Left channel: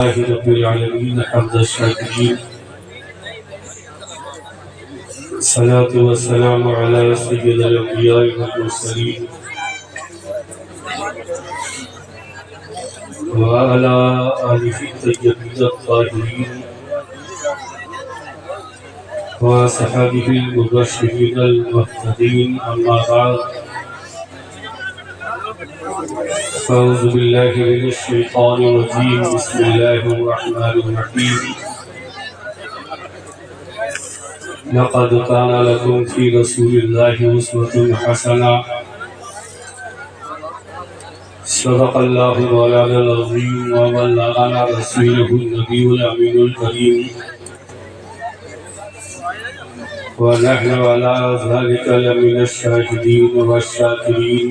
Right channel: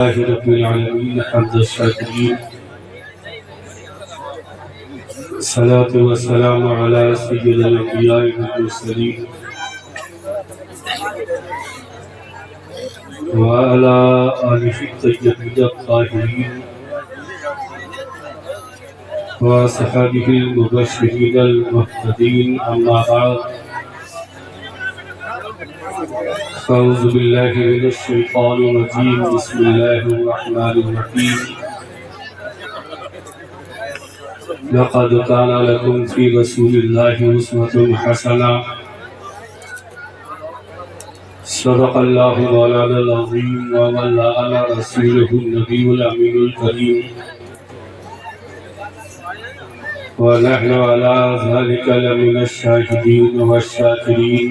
रब्बिल आलमीन हम्द शाकिरीन सलातु व सलामु अला सय्यिदिल अंबिया वल मुरसलीन व अला आलिहि तय्यबीन ताहिरीन व सहाबिहिल मुबश्शिरीन मुहतदीन अम्मा बाद अऊज़ु बिल्लाहि मिनश शैतानिर रजीम बिस्मिल्लाहिर रहमानिर रहीम लक़द कान लकुम फ़ी रसूलिल्लाहि उस्वतुन हसना सदक़ल्लाहु मौलानाल अज़ीम व बल्लगना रसूलुहुन नबियुल अमीनुल करीम व नहनु अला ज़ालिका लमिनश शाहिदीन वश्शाकिरीन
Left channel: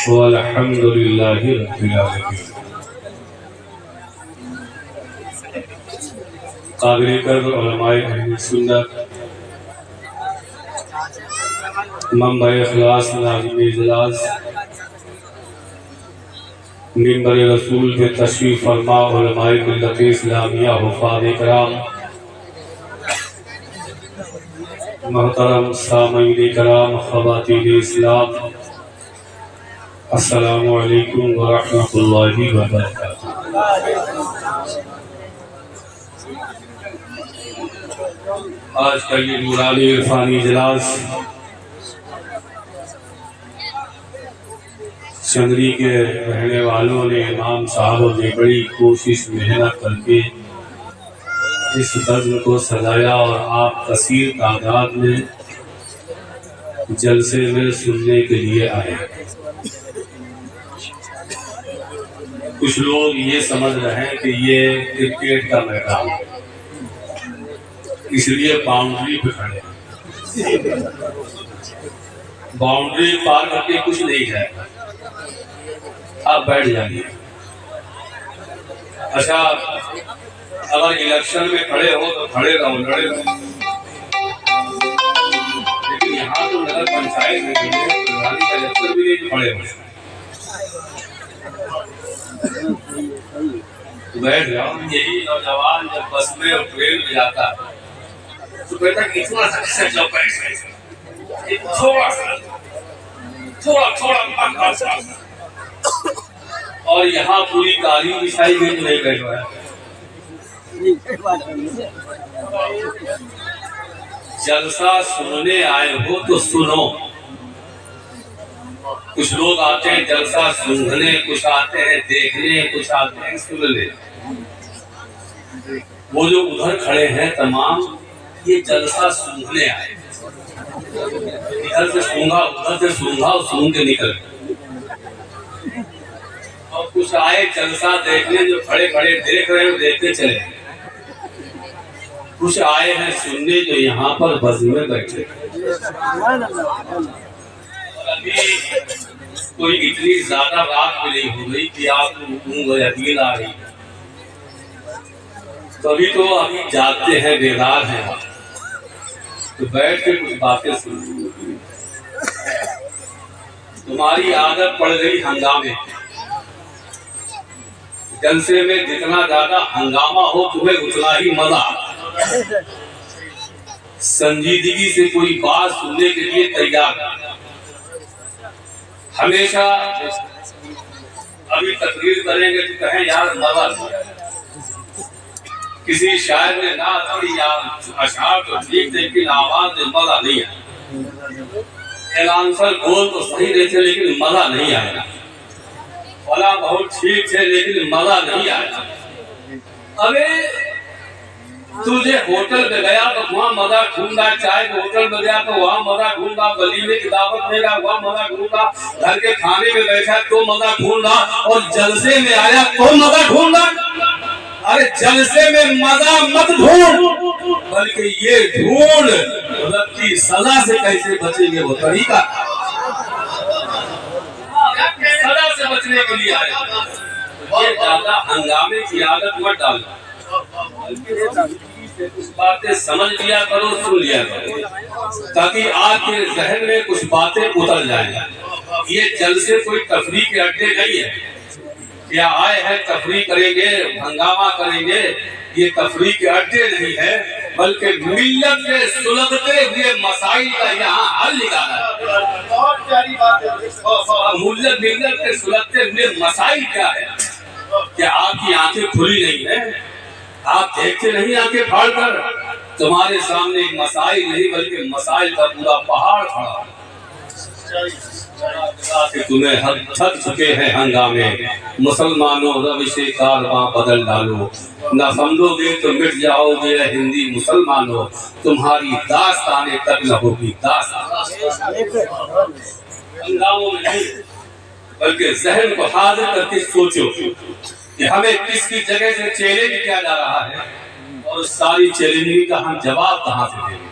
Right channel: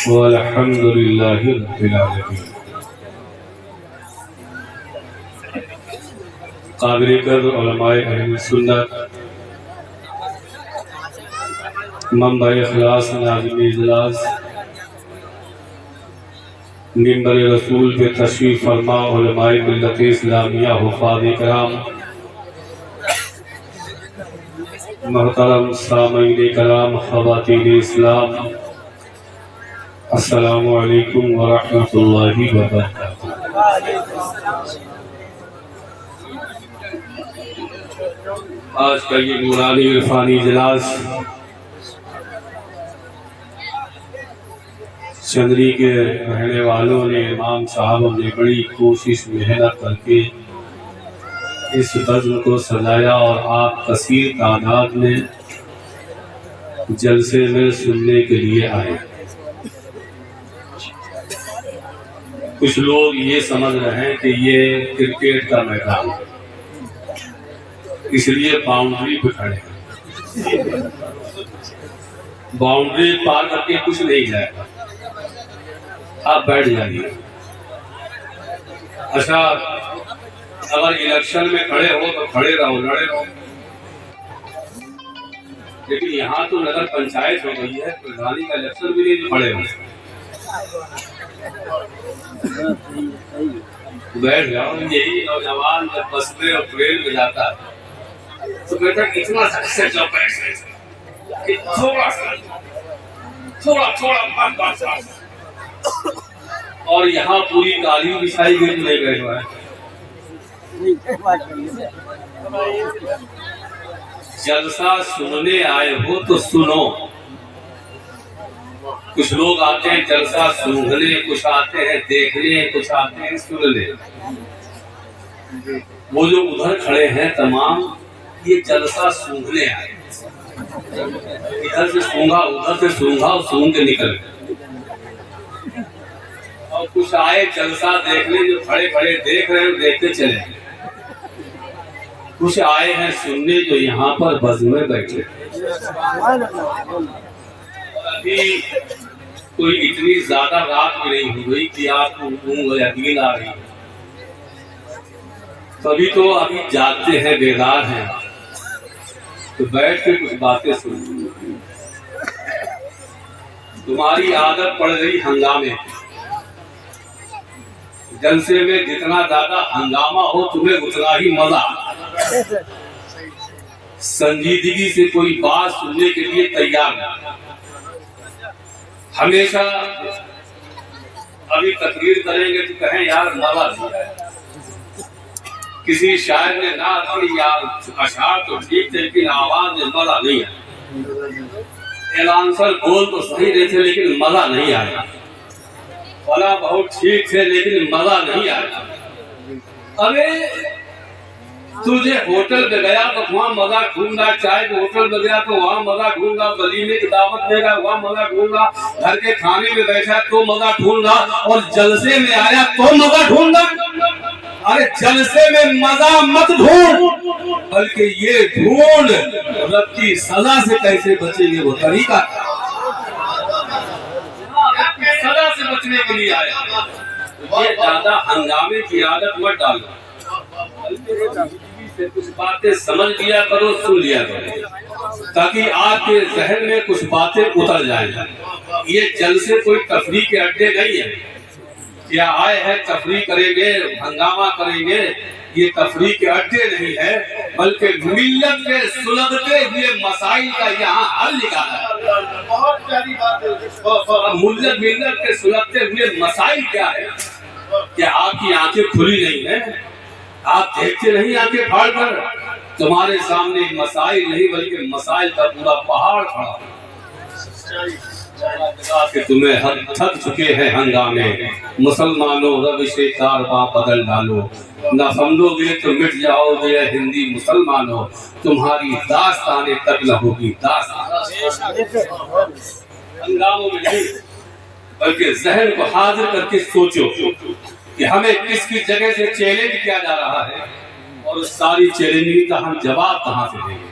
वल्हम्दुलिल्लाहि रब्बिल आलमीन। काबिल कद्र उलमाए अहले सुन्नत मंबा इखलास नाज़िम इजलास मिंबर रसूल पे तशरीफ फरमा उलमाए मिल्लत इस्लामिया हुफ़ाज़ इकराम मोहतरम सामईन कराम ख़वातीन इस्लाम अस्सलामु अलैकुम व रहमतुल्लाहि व बरकातुहू। आज का ये नूरानी इरफानी इजलास चंदरी के रहने वालों ने इमाम साहब ने बड़ी कोशिश मेहनत करके इस बज़्म को सजाया और आप कसीर तादाद में जलसे में सुनने के लिए आए। कुछ लोग ये समझ रहे हैं कि ये क्रिकेट का मैदान है, इसलिए बाउंड्री पे खड़े हैं। बाउंड्री पार करके कुछ नहीं जाएगा, आप बैठ जाइए। अच्छा, अगर इलेक्शन में खड़े हो तो खड़े रहो, लड़े रहो, लेकिन यहाँ तो नगर पंचायत हो गई है, प्रधानी का इलेक्शन भी नहीं, खड़े हो बैठ जाओ। यही नौजवान जब बस में और ट्रेन में जाता तो कहता इतना सा थोड़ा और यहाँ पूरी काली बिछाई गई तो नहीं बैठ पाए। जलसा सुनने आए हो तो सुनो। कुछ लोग आते हैं जलसा सुनने, कुछ आते हैं देखने, कुछ आते हैं सुनने। वो जो उधर खड़े हैं तमाम, ये जलसा सूंघने आए। इधर से सूंघा, उधर से सूंघा और सूंघ के निकल गए। और कुछ आए जलसा देखने, जो खड़े खड़े देख रहे हैं देखते चले। कुछ आए हैं सुनने, जो यहाँ पर बज़ में बैठे। अभी कोई इतनी ज्यादा रात भी नहीं हो गई कि आपको ऊँघ या नींद आ रही है, तभी तो अभी जागते हैं, बेदार हैं, तो बैठ के कुछ बातें सुन। तुम्हारी आदत पड़ गई हंगामे। जलसे में जितना ज्यादा हंगामा हो तुम्हें उतना ही मजा। संजीदगी से कोई बात सुनने के लिए तैयार। हमेशा अभी तकरीर करेंगे तो कहें यार मजा नहीं आया। किसी शायर ने ना पढ़ी यार अशार तो ठीक थे, लेकिन आवाज में मजा नहीं आया। एलांसर बोल तो सही रहे थे लेकिन मजा नहीं आया। फला बहुत ठीक थे लेकिन मजा नहीं आया। अबे तुझे होटल में गया तो वहाँ मजा ढूंढा, चाय के होटल में गया तो वहाँ मजा ढूंढा, वलीमे की दावत में गया वहाँ मजा ढूंढा, घर के खाने में बैठा तो मजा ढूंढा, और जलसे में आया तो मजा ढूंढा। अरे जलसे में मजा मत ढूंढ, बल्कि ये ढूंढ रब की सजा से कैसे बचेंगे, वो तरीका सजा से बचने के लिए आया। ये ज्यादा हंगामे की आदत मत डालो, कुछ बातें समझ लिया करो, सुन लिया करो, ताकि आपके जहन में कुछ बातें उतर जाएं। ये जलसे कोई तफरीह के अड्डे नहीं है। क्या आए हैं तफरीह करेंगे, हंगामा करेंगे? ये तफरीह के अड्डे नहीं है, बल्कि मिल्लत के सुलगते हुए मसाइल का यहाँ हल निकाला है। बहुत प्यारी बात है। मिल्लत के सुलगते हुए मसाइल क्या है? क्या आपकी आंखें खुली नहीं है? आप देखते नहीं आंखें फाड़ कर? तुम्हारे सामने मसाइल नहीं बल्कि मसाइल का पूरा पहाड़ खड़ा है कि तुम्हें थक चुके हैं हंगामे। मुसलमानों रब से कारवां बदल डालो, न समझोगे तो मिट जाओगे हिंदी मुसलमानों, तुम्हारी दास्ताने तक न होगी दास्तान। हंगामों में नहीं बल्कि जहन को हाजिर करके सोचो कि हमें किसकी जगह से चैलेंज किया जा रहा है और उस सारी चैलेंजिंग का हम जवाब कहाँ से देंगे।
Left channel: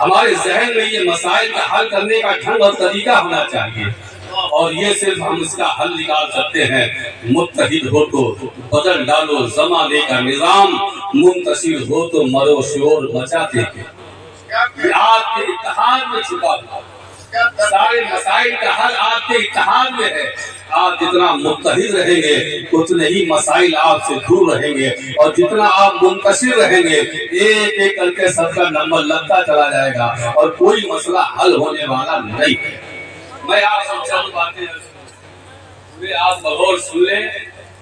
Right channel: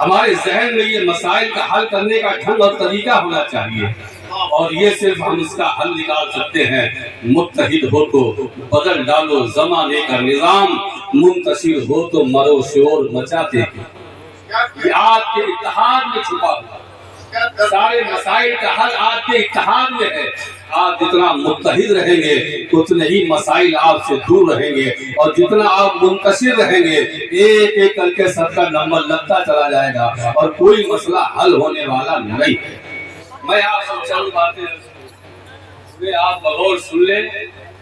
हमारे जहन में ये मसाइल का हल करने का ढंग और तरीका होना चाहिए, और ये सिर्फ हम इसका हल निकाल सकते हैं मुत्तहिद हो तो बदल डालो जमाने का निजाम, मुंतशिर हो तो मरो शोर मचाते हैं। आपके इत्तेहाद में छुपा हुआ सारे मसाइल का हल आपके इत्तेहाद में है। आप जितना मुत्तहिद रहेंगे उतने ही मसाइल आपसे दूर रहेंगे, और जितना आप मुंतशिर रहेंगे एक एक करके सबका नंबर लगता चला जाएगा और कोई मसला हल होने वाला नहीं है। मैं आपसे चंद बातें वे आप गौर सुन लें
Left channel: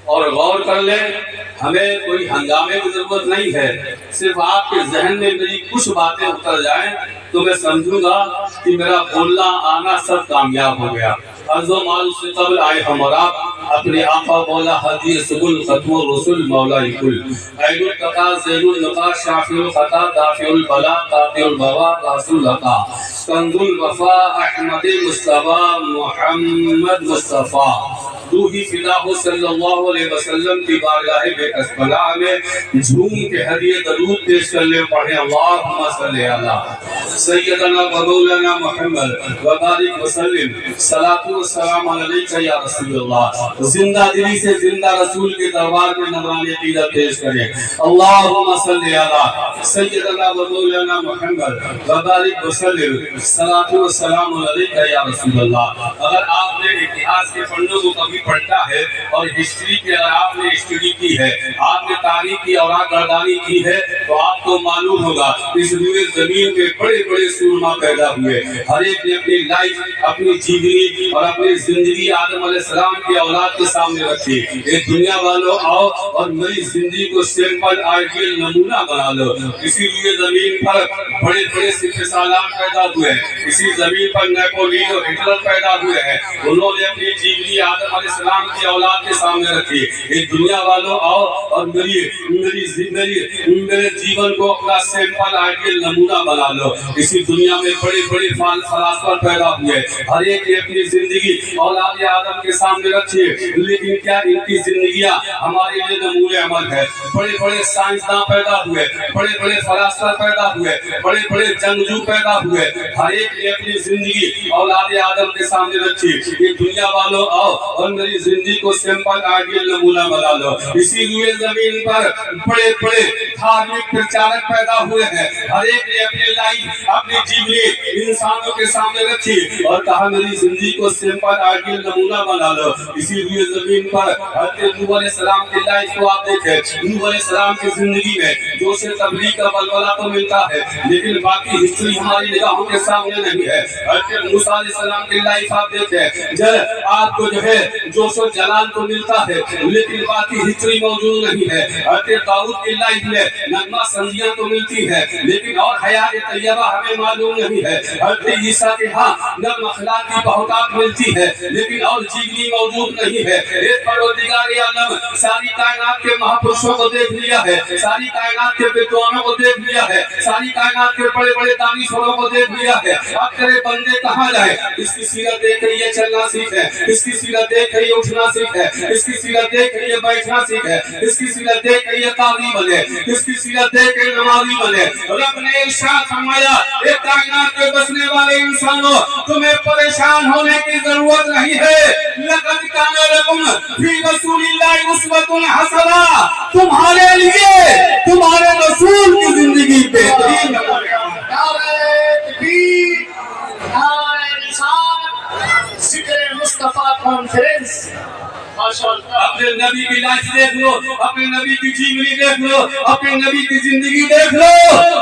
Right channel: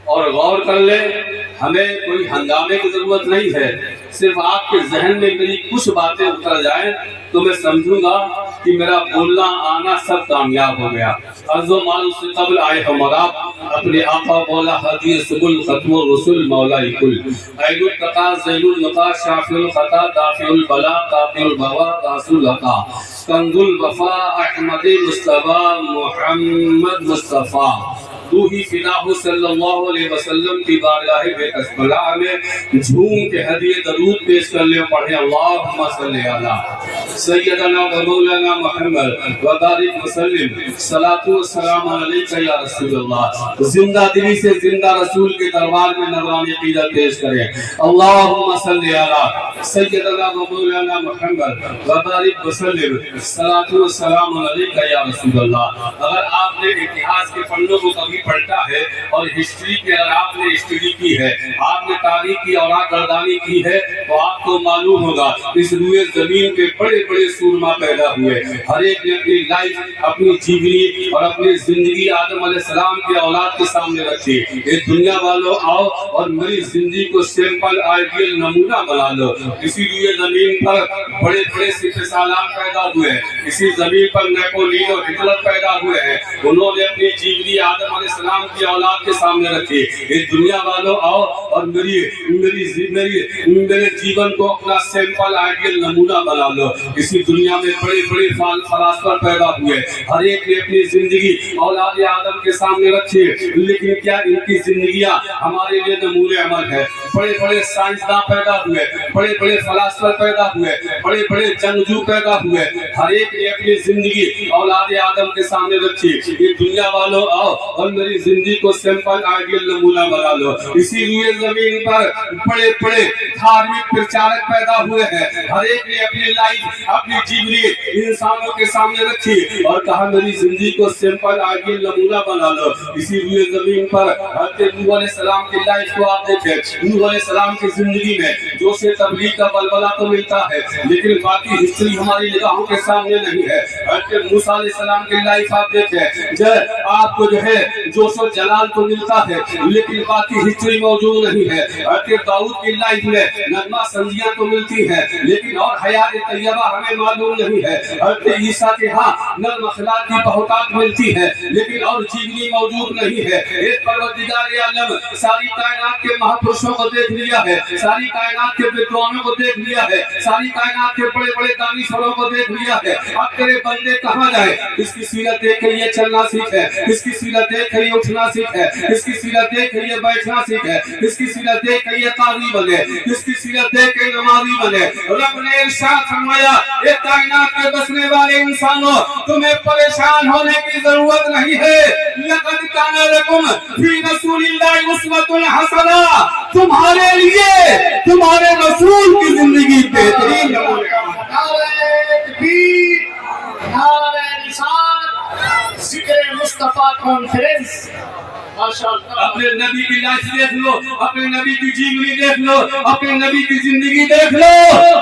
और गौर कर लें। हमें कोई हंगामे की जरूरत नहीं है, सिर्फ आपके जहन में मेरी कुछ बातें उतर जाएं तो मैं समझूंगा कि मेरा बोलना आना सब कामयाब हो गया। अर्ज़ो माल से कब्ल आए हम और आप अपने आका मौला हदी सुबुल खत्मुर रसूल मौला कुल ऐनुल कता ज़ैनुल नका शाफिउल खता दाफिउल बला कातिउल बवा कासुल लका कंजुल वफा अहमद मुस्तफा मोहम्मद मुस्तफा तू ही फिदाहु सल्लल्लाहु अलैहि वसल्लम की बारगाह बेकसबला में झूम के हदिये दरूद पेश कर ले, पढ़े अल्लाहुम्मा सल्ली अला सय्यदना व मौलाना मुहम्मद व बारिक वसल्लिम सलातु व सलाम अलैका या रसूलल्लाह। जिंदा दिली से जिंदा रसूल के दरबार में नजराने क़ीदत पेश करें। अल्लाहुम्मा सल्ली अला सय्यदना व मौलाना मुहम्मद व बारिक वसल्लिम सलातु व सलाम अलैका या रसूलल्लाह। अगर आपने इतिहास के पन्नों को कभी पढ़ता है और हिस्ट्री की अगर आपने स्टडी की है, आपने तारीख की और गर्दानी की है, तो आपको मालूम होगा इस रूए जमीन पे बड़े बड़े सूरमा पैदा हुए। हर एक ने अपनी लाइफ, अपनी जीवनी और अपनी जिंदगी आदम अलैहिस्सलाम की औलाद के सामने रखी। ये दुनिया वालों आओ और मेरी जिंदगी को सिंपल आइडियल नमूना बना लो। इसी रूए जमीन पर बड़े बड़े सिपह सालार पैदा हुए, इसी जमीन पर नेपोलियन और हिटलर पैदा हुए हैं। उन्होंने अपनी जीवनी आदम अलैहिस्सलाम की औलाद के सामने रखी। ये दुनिया वालों आओ और मेरे जीवन को अपना सिंपल आइडियल नमूना बना लो। इसी दुनिया में बड़े बड़े फलसफे पैदा हुए, हर एक ने अपनी जिंदगी औलाद आदम के सामने रखी, लेकिन क्या इनकी जिंदगियां हमारे लिए नमूने अमल है। बड़े बड़े साइंसदान पैदा हुए, बड़े बड़े फलसफे पैदा हुए, बड़े बड़े जंगजू पैदा हुए, हर एक ने अपनी जिंदगी औलाद आदम के सामने रखी। ये दुनिया वालों आओ और मेरी जिंदगी को सिंपल आइडियल नमूना बना लो। इसी लिए जमीन पर बड़े बड़े धार्मिक प्रचारक पैदा हुए हैं, हर एक ने अपनी लाइफ, अपनी जीवनी इंसानों के सामने रखी और कहा मेरी जिंदगी को सिंपल आइडियल नमूना बना लो। इसी लिए जमीन पर हज़रत नूह अलैहिस्सलाम की लाइफ को आप देखें। नूह अलैहिस्सलाम की जिंदगी में जो से तबलीग का बलबला तो मिलता है, लेकिन बाकी हिस्ट्री हमारी निगाहों के सामने नहीं है। हज़रत मूसा अलैहिस्सलाम की लाइफ आप देखें, आपको जो है जोशो जलाल तो मिलता है, लेकिन बाकी हिस्ट्री मौजूद नहीं है। हज़रत दाऊद की लाइफ में नगमा संजियां तो मिलती है, लेकिन और हयात तैयबा हमें मालूम नहीं है। हज़रत ईसा के हाँ नर्म अखलाक की बहुतात मिलती है, लेकिन और जीवनी मौजूद नहीं है। एक परवरदिगार आलम सारी कायनात के महापुरुषों को देख लिया है, सारी कायनात के विद्वानों को देख लिया है, सारी कायनात के बड़े बड़े दानिशवरों को देख लिया है। अब तेरे बंदे कहाँ जाए? इसकी सीरत देख के ये चलना सीखे, इसकी सीरत देख के ये उठना सीखे, इसकी सीरत देख के ये बैठना सीखे, इसकी सीरत देख के ये काजी बने, इसकी सीरत देख के नमाजी बने। रब ने इरशाद फरमाया, ये कायनात के बसने वाले इंसानों, तुम्हें परेशान होने की जरूरत नहीं है। लक़द काना लकुम फी रसूलिल्लाहि उस्वतुन हसना, तुम्हारे लिए तुम्हारे रसूल की जिंदगी बेहतरीन मुस्तफा कॉन्फ्रेंस। माशाअल्लाह। अपने नबी की लाश देख लो, अपने नबी की जीवनी देख लो, अपने नबी की जिंदगी देख लो,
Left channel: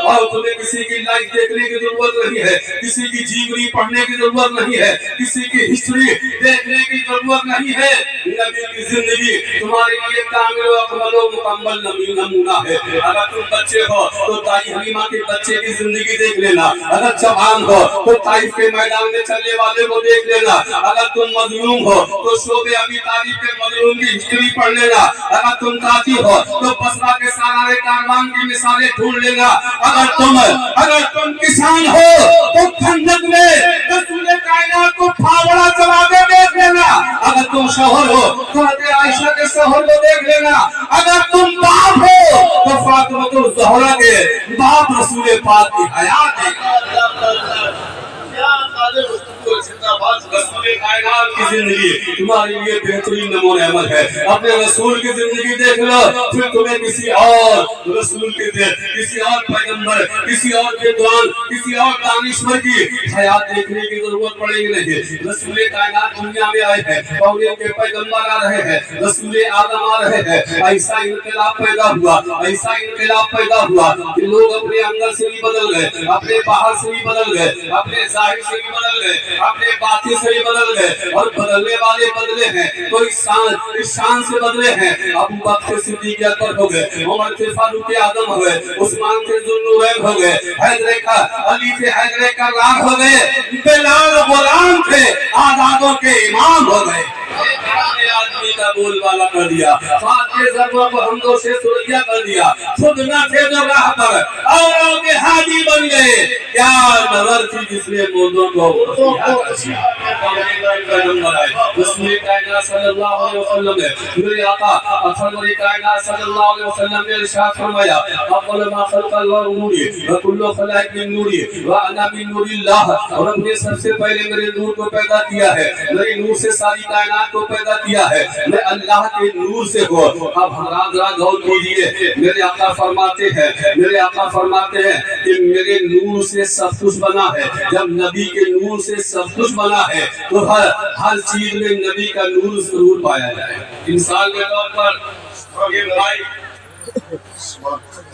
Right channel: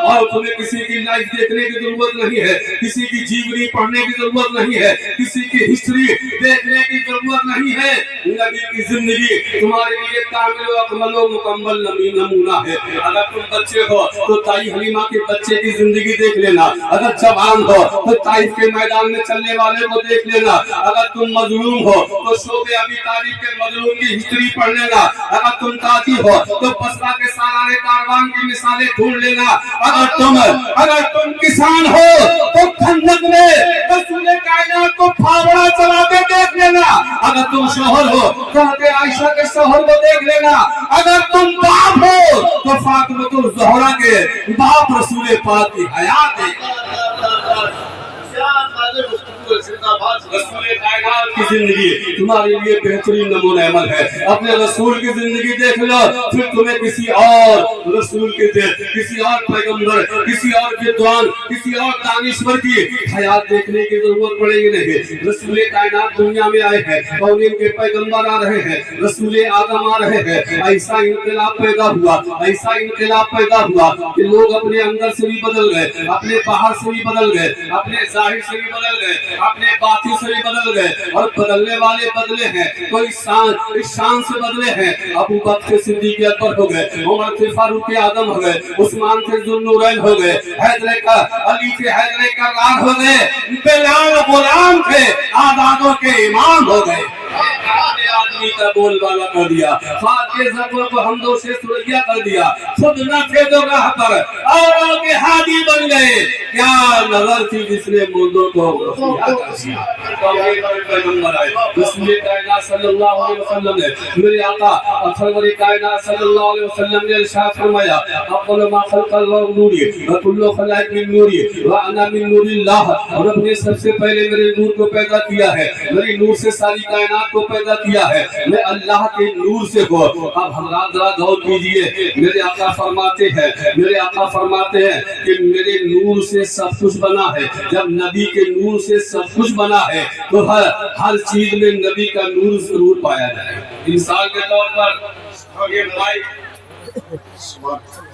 और तुम्हें किसी की लाइफ देखने की जरूरत नहीं है, किसी की जीवनी पढ़ने की जरूरत नहीं है, किसी की हिस्ट्री देखने की जरूरत नहीं है। नबी की जिंदगी तुम्हारे लिए कामिल अकमल मुकम्मल नमूना है। अगर तुम बच्चे हो तो ताई हलीमा के बच्चे की जिंदगी देख लेना, अगर जवान हो तो ताइफ के मैदान में चलने वाले को देख लेना, अगर तुम मजलूम हो तो शोबे अबी तालिब के मजलूम की हिस्ट्री पढ़ लेना, अगर तुम ताजी हो तो बसरा के सालारे कारवान की मिसालें ढूंढ लेना, अगर तुम किसान हो तो खंदक में रसूल कायनात को फावड़ा चलाते देख लेना, अगर तुम शोहर हो तो हज़रत आयशा के शोहर को देख लेना, अगर तुम बाप हो तो फातिमा ज़हरा के बाप रसूल पाक की हयात देख। रसूल कायनात की जिंदगी तुम्हारे लिए बेहतरीन नमूना अमल है। अपने रसूल की जिंदगी देख लो, फिर तुम्हें किसी और रसूल के किसी और पैगंबर, किसी और विद्वान, किसी और दानिश्वर की हयात देखने की जरूरत पड़ेगी नहीं। रसूल कायनात दुनिया में आए हैं और इनके पैगंबर आ रहे हैं, रसूल आदम आ रहे हैं। ऐसा इनकलाब पैदा हुआ, ऐसा इनकलाब पैदा हुआ कि लोग अपने अंदर से भी बदल गए, अपने बाहर से भी बदल गए, अपने जाहिर से भी बदल गए, अपने बाती से भी बदल गए, और बदलने वाले बदले हैं। कोई शान से बदले हैं। अबू बकर सिद्दीक अकबर हो गए, उमर से फारूक आजम हो गए, उस्मान से जुन्नूरैन हो गए, अली से हैदर कर्रार हो गए, बिलाल गुलाम थे, आजादों के इमाम हो गए। आदमी का बोलबाला कर दिया, हमदो से सुरैया कर दिया, खुद न थे जो राह पर औरों के हादी बन गए। क्या नजर थी जिसने मुर्दों को रसूल कायनात सल्लल्लाहु अलैहि वसल्लम ने, मेरे आका सरवर कायनात सल्लल्लाहु अलैहि वसल्लम ने इरशाद फरमाया, अक़ल मा खलक़ल्लाहु नूरी व कुल्लु खलाइक मिन नूरी व अना मिन नूरिल्लाह। और अपने सबसे पहले मेरे नूर को पैदा किया है, मेरे नूर से सारी कायनात को पैदा किया है, मैं अल्लाह के नूर से हो। अब हज़रात जरा गौर कीजिए, मेरे आका फरमाते हैं, मेरे आका फरमाते हैं कि मेरे नूर से सब कुछ बना है। जब नबी के नूर से सब कुछ बना है तो हर चीज में नबी का नूर जरूर पाया जाए। इंसान के तौर पर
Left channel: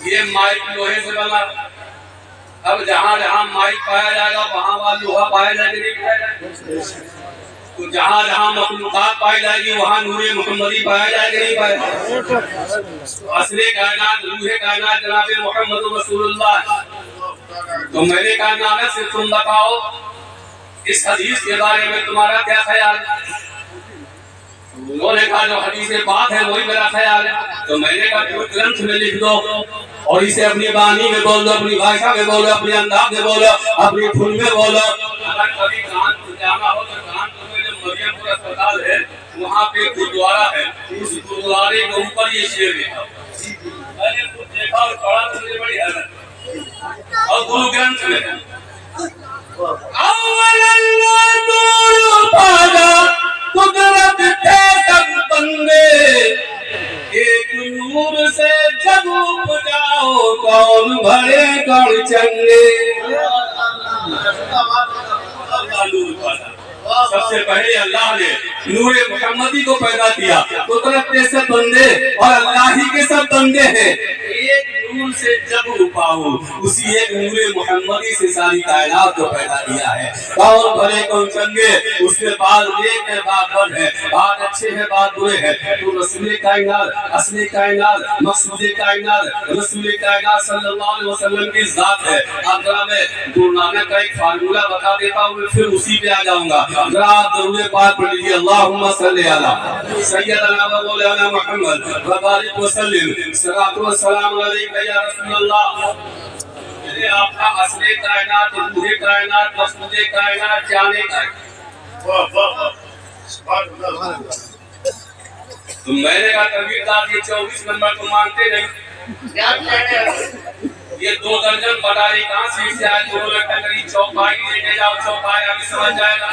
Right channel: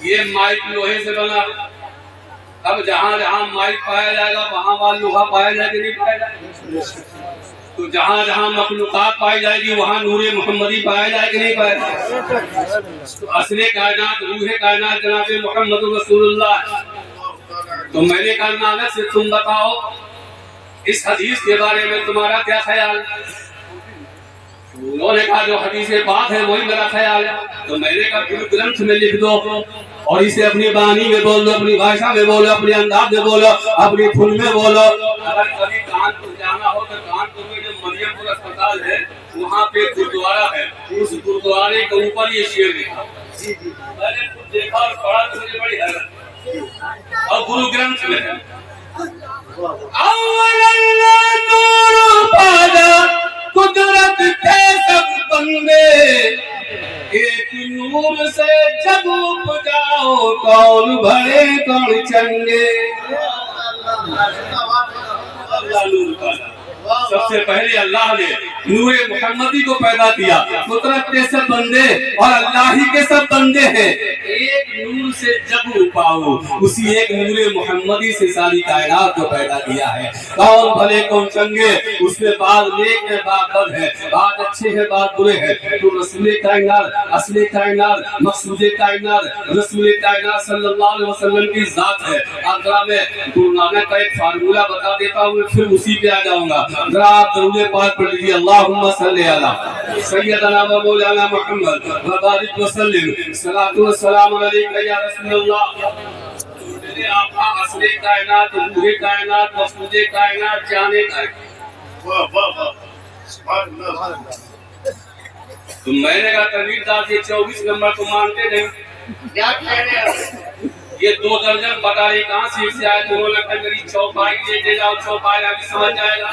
ये माइक लोहे से बना, अब जहाँ जहाँ माइक पाया जाएगा वहाँ वहाँ लोहा पाया जाएगा, नहीं पाया जाएगा। तो जहाँ जहाँ मखलूकात पाई जाएगी वहाँ नूरे मुहम्मदी पाया जाएगा, नहीं पाया जाएगा। असले कायनात, रूहे कायनात जनाब मोहम्मद रसूलुल्लाह। तो मैंने कहा नाना से तुम बताओ इस हदीस के बारे में तुम्हारा क्या ख्याल है? उन्होंने कहा जो हदीस में बात है वही मेरा ख्याल है। तो मैंने कहा तुम ग्रंथ में लिख दो और इसे अपनी बानी में बोलो, अपनी भाषा में बोलो, अपने अंदाज में बोलो, अपनी फुल में बोलो। अगर कभी कानपुर जाना हो तो कानपुर में जो मरियमपुर अस्पताल है वहाँ पे गुरुद्वारा है, उस गुरुद्वारे के ऊपर ये शेर लिखा। मैंने खुद देखा और पढ़ा तो मुझे बड़ी हैरत। और गुरु ग्रंथ में है कुदरत थे सब बंदे, एक नूर से जब उपजाओ कौन भरे कौन चंगे। सबसे पहले अल्लाह ने नूरे मुहम्मदी को पैदा किया, कुदरत के सब बंदे और अल्लाह ही के सब बंदे हैं। एक नूर से जब पाओ, उसी एक नूरे मुहम्मदी से सारी कायनात को पैदा किया है। कौन भले कौन चंगे, उसके बाद नेक है, बात बद है, बात अच्छे है, बात बुरे है। तो रसूल कायनात, असली कायनात, मकसूद कायनात, रसूल कायनात सल्लल्लाहु अलैहि वसल्लम की जात है। अगर मैं गुरु नानक का एक फार्मूला बता देता हूँ, फिर उसी पे आ जाऊंगा। जरा आप दरूद पाक पढ़ लीजिए, अल्लाहुम्मा सल्ली अला सय्यदना व मौलाना मुहम्मद व बारिक व सल्लिम, सलातु व सलाम अलैका या रसूलल्लाह। मेरे आका असली कायनात, रूहे कायनात, मकसूद कायनात जाने का। वाह वाह वाह, सुभान अल्लाह। तो मैंने कहा कबीरदास के 24 नंबर को मानते नहीं, क्या कहने ये 2 दर्जन बटारी कहाँ से आए? तो मेरी चौपाई लेके जाओ, चौपाई अभी समझ जाएगा।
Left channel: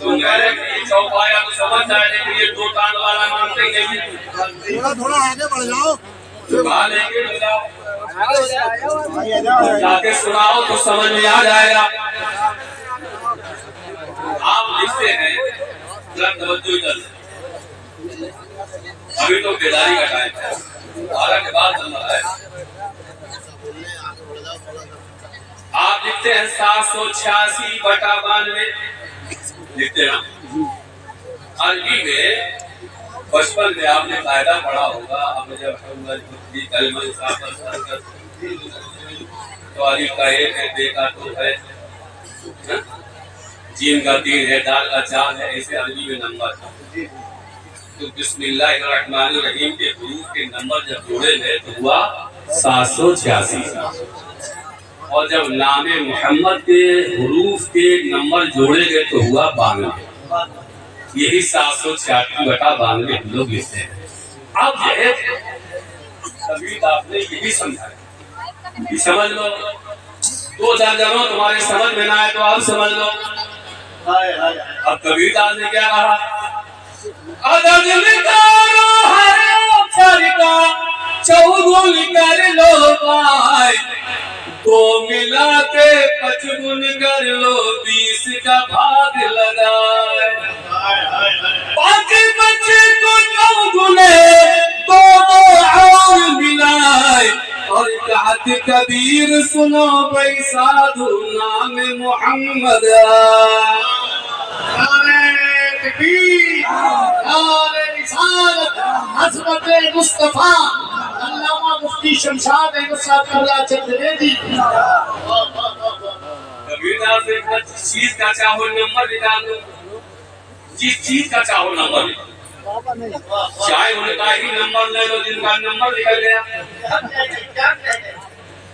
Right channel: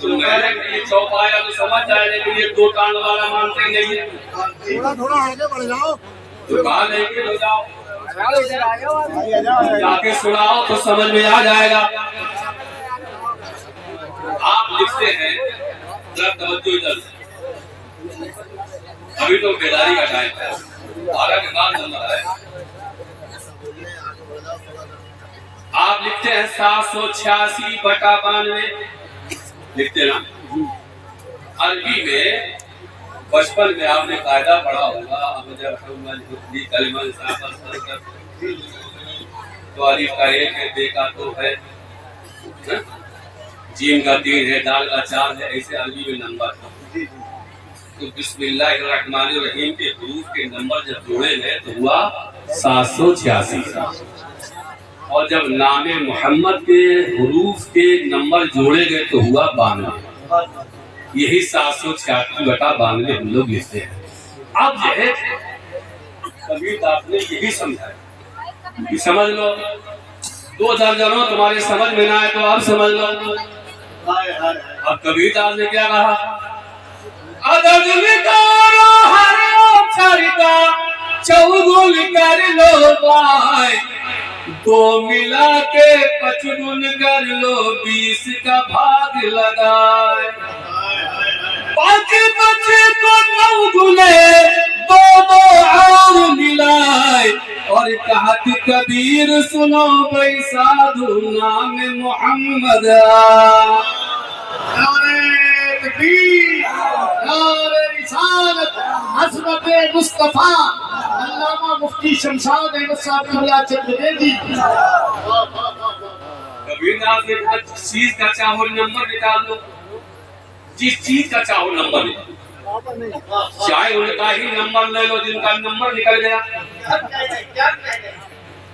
तो मैंने ये चौपाया तो समझ जाए, लेकिन ये 2 कान वाला मानते ही नहीं है। थोड़ा आगे बढ़ जाओ, तो कहा लेके हो जाओ, जाके सुनाओ तो समझ में आ जाएगा। आप लिखते हैं, अभी तो बेदारी का टाइम है, 12 के बाद नंबर है। आप लिखते हैं 786/92 लिखते ना। अरबी में बचपन में आपने कायदा पढ़ा होगा, अब जब तो अलिफ का 1 है, बे का 2 है, जीम का 3 है, दाल का 4 है, ऐसे अरबी में नंबर है। तो बिस्मिल्लाहिर्रहमानिर्रहीम के हुरूफ के नंबर जब जोड़े गए तो हुआ 786, और जब नाम मोहम्मद के हुरूफ के नंबर जोड़े गए तो हुआ 92। यही 786/92 हम लोग लिखते हैं। अब जो है कभी आपने यही समझाया कि समझ लो, 2 दर्जनों तुम्हारे समझ में ना आए तो आप समझ लो। अब कबीर दास ने क्या कहा, चौगुन कर लो भाई, 2 मिला के 55 कर लो, 20 का भाग लगाए। बाकी बच्चे को 9 गुने दोनों और मिलाए, और कहत कबीर सुनो भाई साधु नाम मोहम्मद। हज़रत मुस्तफा अल्लामा मुफ्ती शमशाद अहमद साहब कबला चंद बेदी। कबीर दास ने जिस चीज का चाहो नंबर निकाल लो, जिस चीज का चाहो नंबर ले, चाहे उनका ही नंबर ले लो जिनका नंबर निकल गया,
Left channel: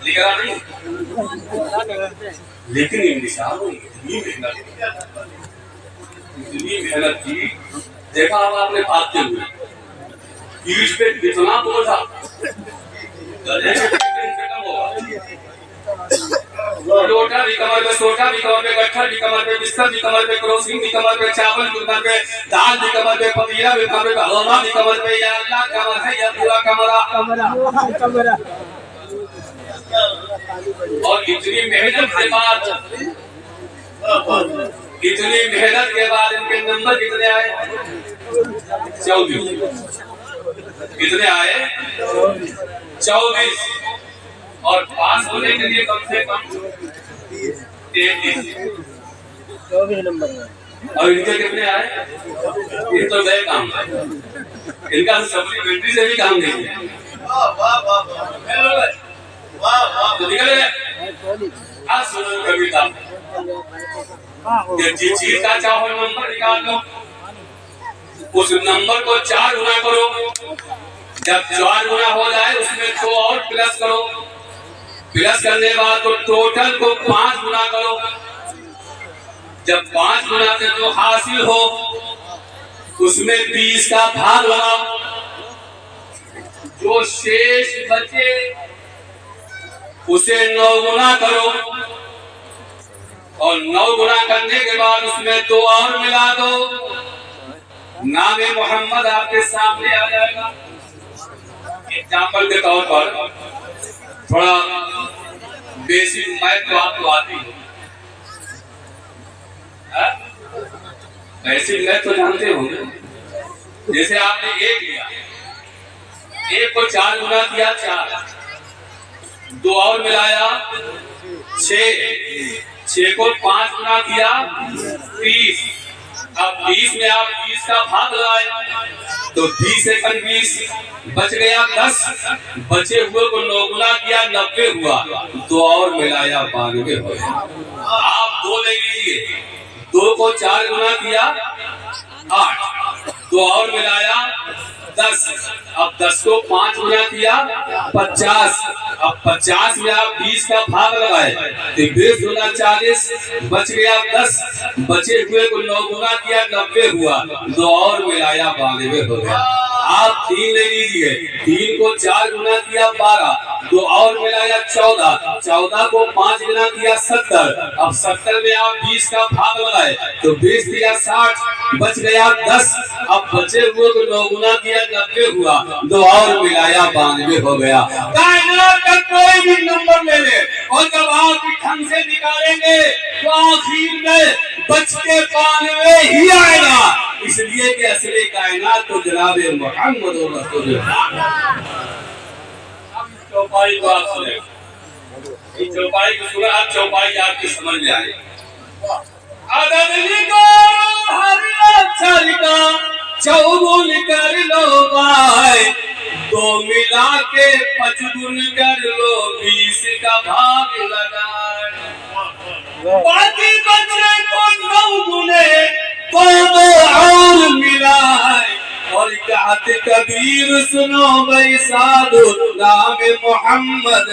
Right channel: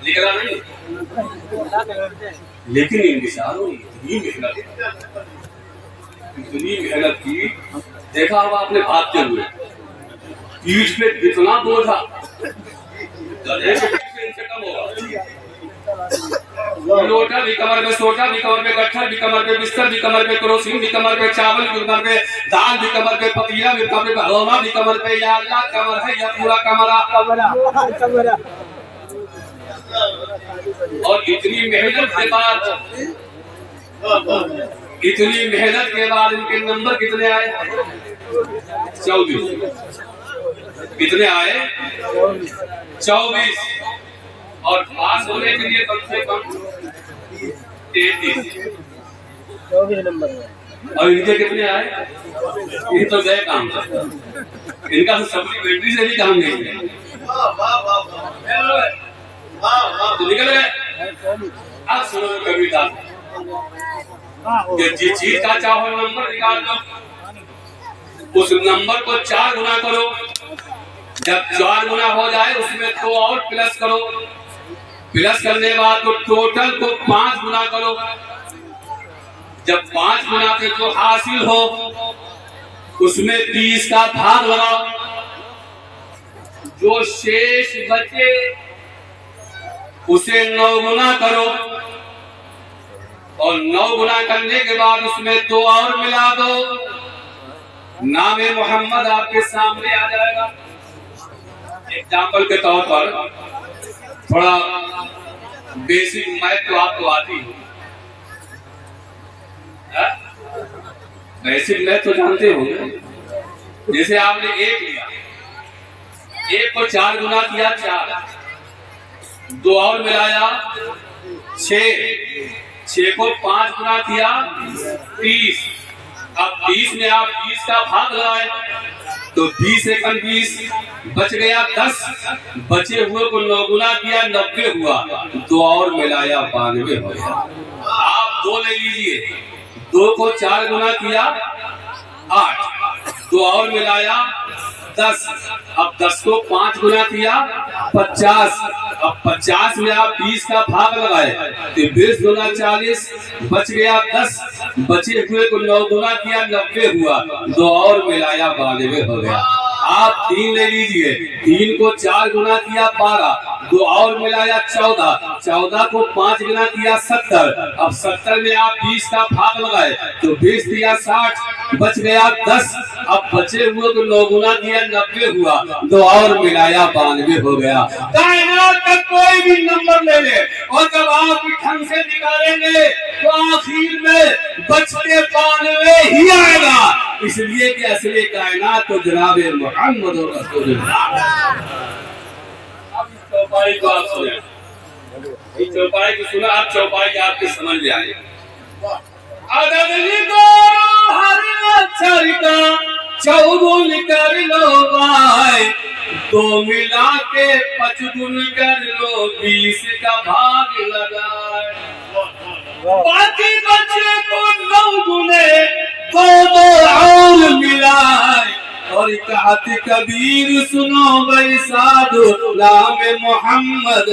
निकला नहीं। लेकिन इन निशानों ने इतनी मेहनत की, देखा अब आपने भागते हुए पीठ पे कितना बोझा, लोटा भी कमर पे, सोटा भी कमर पे, गट्ठर भी कमर पे, बिस्तर भी कमर पे, करोसीन भी कमर पे, चावल भी कमर पे, दाल भी कमर पे, पतिया भी कमर पे, भगोना भी कमर पे। या अल्लाह कमर है या पूरा कमरा। और इतनी मेहनत के बाद इनके नंबर कितने आए? 24। कितने आए? 24। और पास होने के लिए कम से कम 33। 24 नंबर। और इनके कितने आए? ये तो गए काम से, इनका सप्लीमेंट्री से भी काम नहीं है। तो निकल गए। आज सुनो कविता, जिस चीज का चाहो नंबर निकाल लो, उस नंबर को 4 गुना करो। जब 4 गुना हो जाए उसमें 2 और प्लस करो। प्लस करने के बाद तो टोटल को 5 गुना करो। जब 5 गुना से तो हासिल हो उसमें 20 का भाग लगाओ। जो शेष बचे उसे 9 गुना करो, और 9 गुना करने के बाद उसमें 2 और मिला दो। नाम मोहम्मद आपके सामने आ जाएगा। एग्जाम्पल के तौर पर थोड़ा बेसिक मैथ तो आपको आती है, बेसिक मैथ तो जानते होंगे। जैसे आपने 1 लिया, 1 को 4 गुना किया 4, 2 और मिलाया 6, 6 को 5 गुना किया 30। अब 20 में आप 20 का भाग लगाए तो 20 एकम 20 बच गया 10। बचे हुए को 9 गुना किया 90 हुआ, 2 और मिलाया 92 हो गया। आप 2 ले लीजिए, 2 को 4 गुना किया 8, 2 और मिलाया 10। अब 10 को 5 गुना किया 50। अब 50 में आप 20 का भाग लगाए तो 20 गुना 40 बच गया 10। बचे हुए को 9 गुना किया 90 हुआ, 2 और मिलाया 92 हो गया। आप 3 ले लीजिए, 3 को 4 गुना किया 12, 2 और मिलाया 14, 14 को 5 गुना किया 70। अब 70 में आप 20 का भाग लगाए तो 20 दिया 60, बच गया 10। अब बचे हुए को 9 गुना किया 90 हुआ, 2 और मिलाया 92 हो गया। कायनात का कोई भी नंबर ले ले और जब आप ढंग से निकालेंगे तो आखिर में बच के 92 ही आएगा। इसलिए कि असली कायनात तो जनाब मोहम्मद रसूलुल्लाह। अब इस चौपाई को आप सुने, इस चौपाई को सुना, आप चौपाई आपके समझ में आए। अदद लिखो हर अक्षर का चौगुन कर लो भाई, दो मिला के 5 कर लो, 20 का भाग लगाए। बाकी बचे को 9 गुने, 2 और मिलाए। और कहत कबीर सुनो भाई साधु, नाम मोहम्मद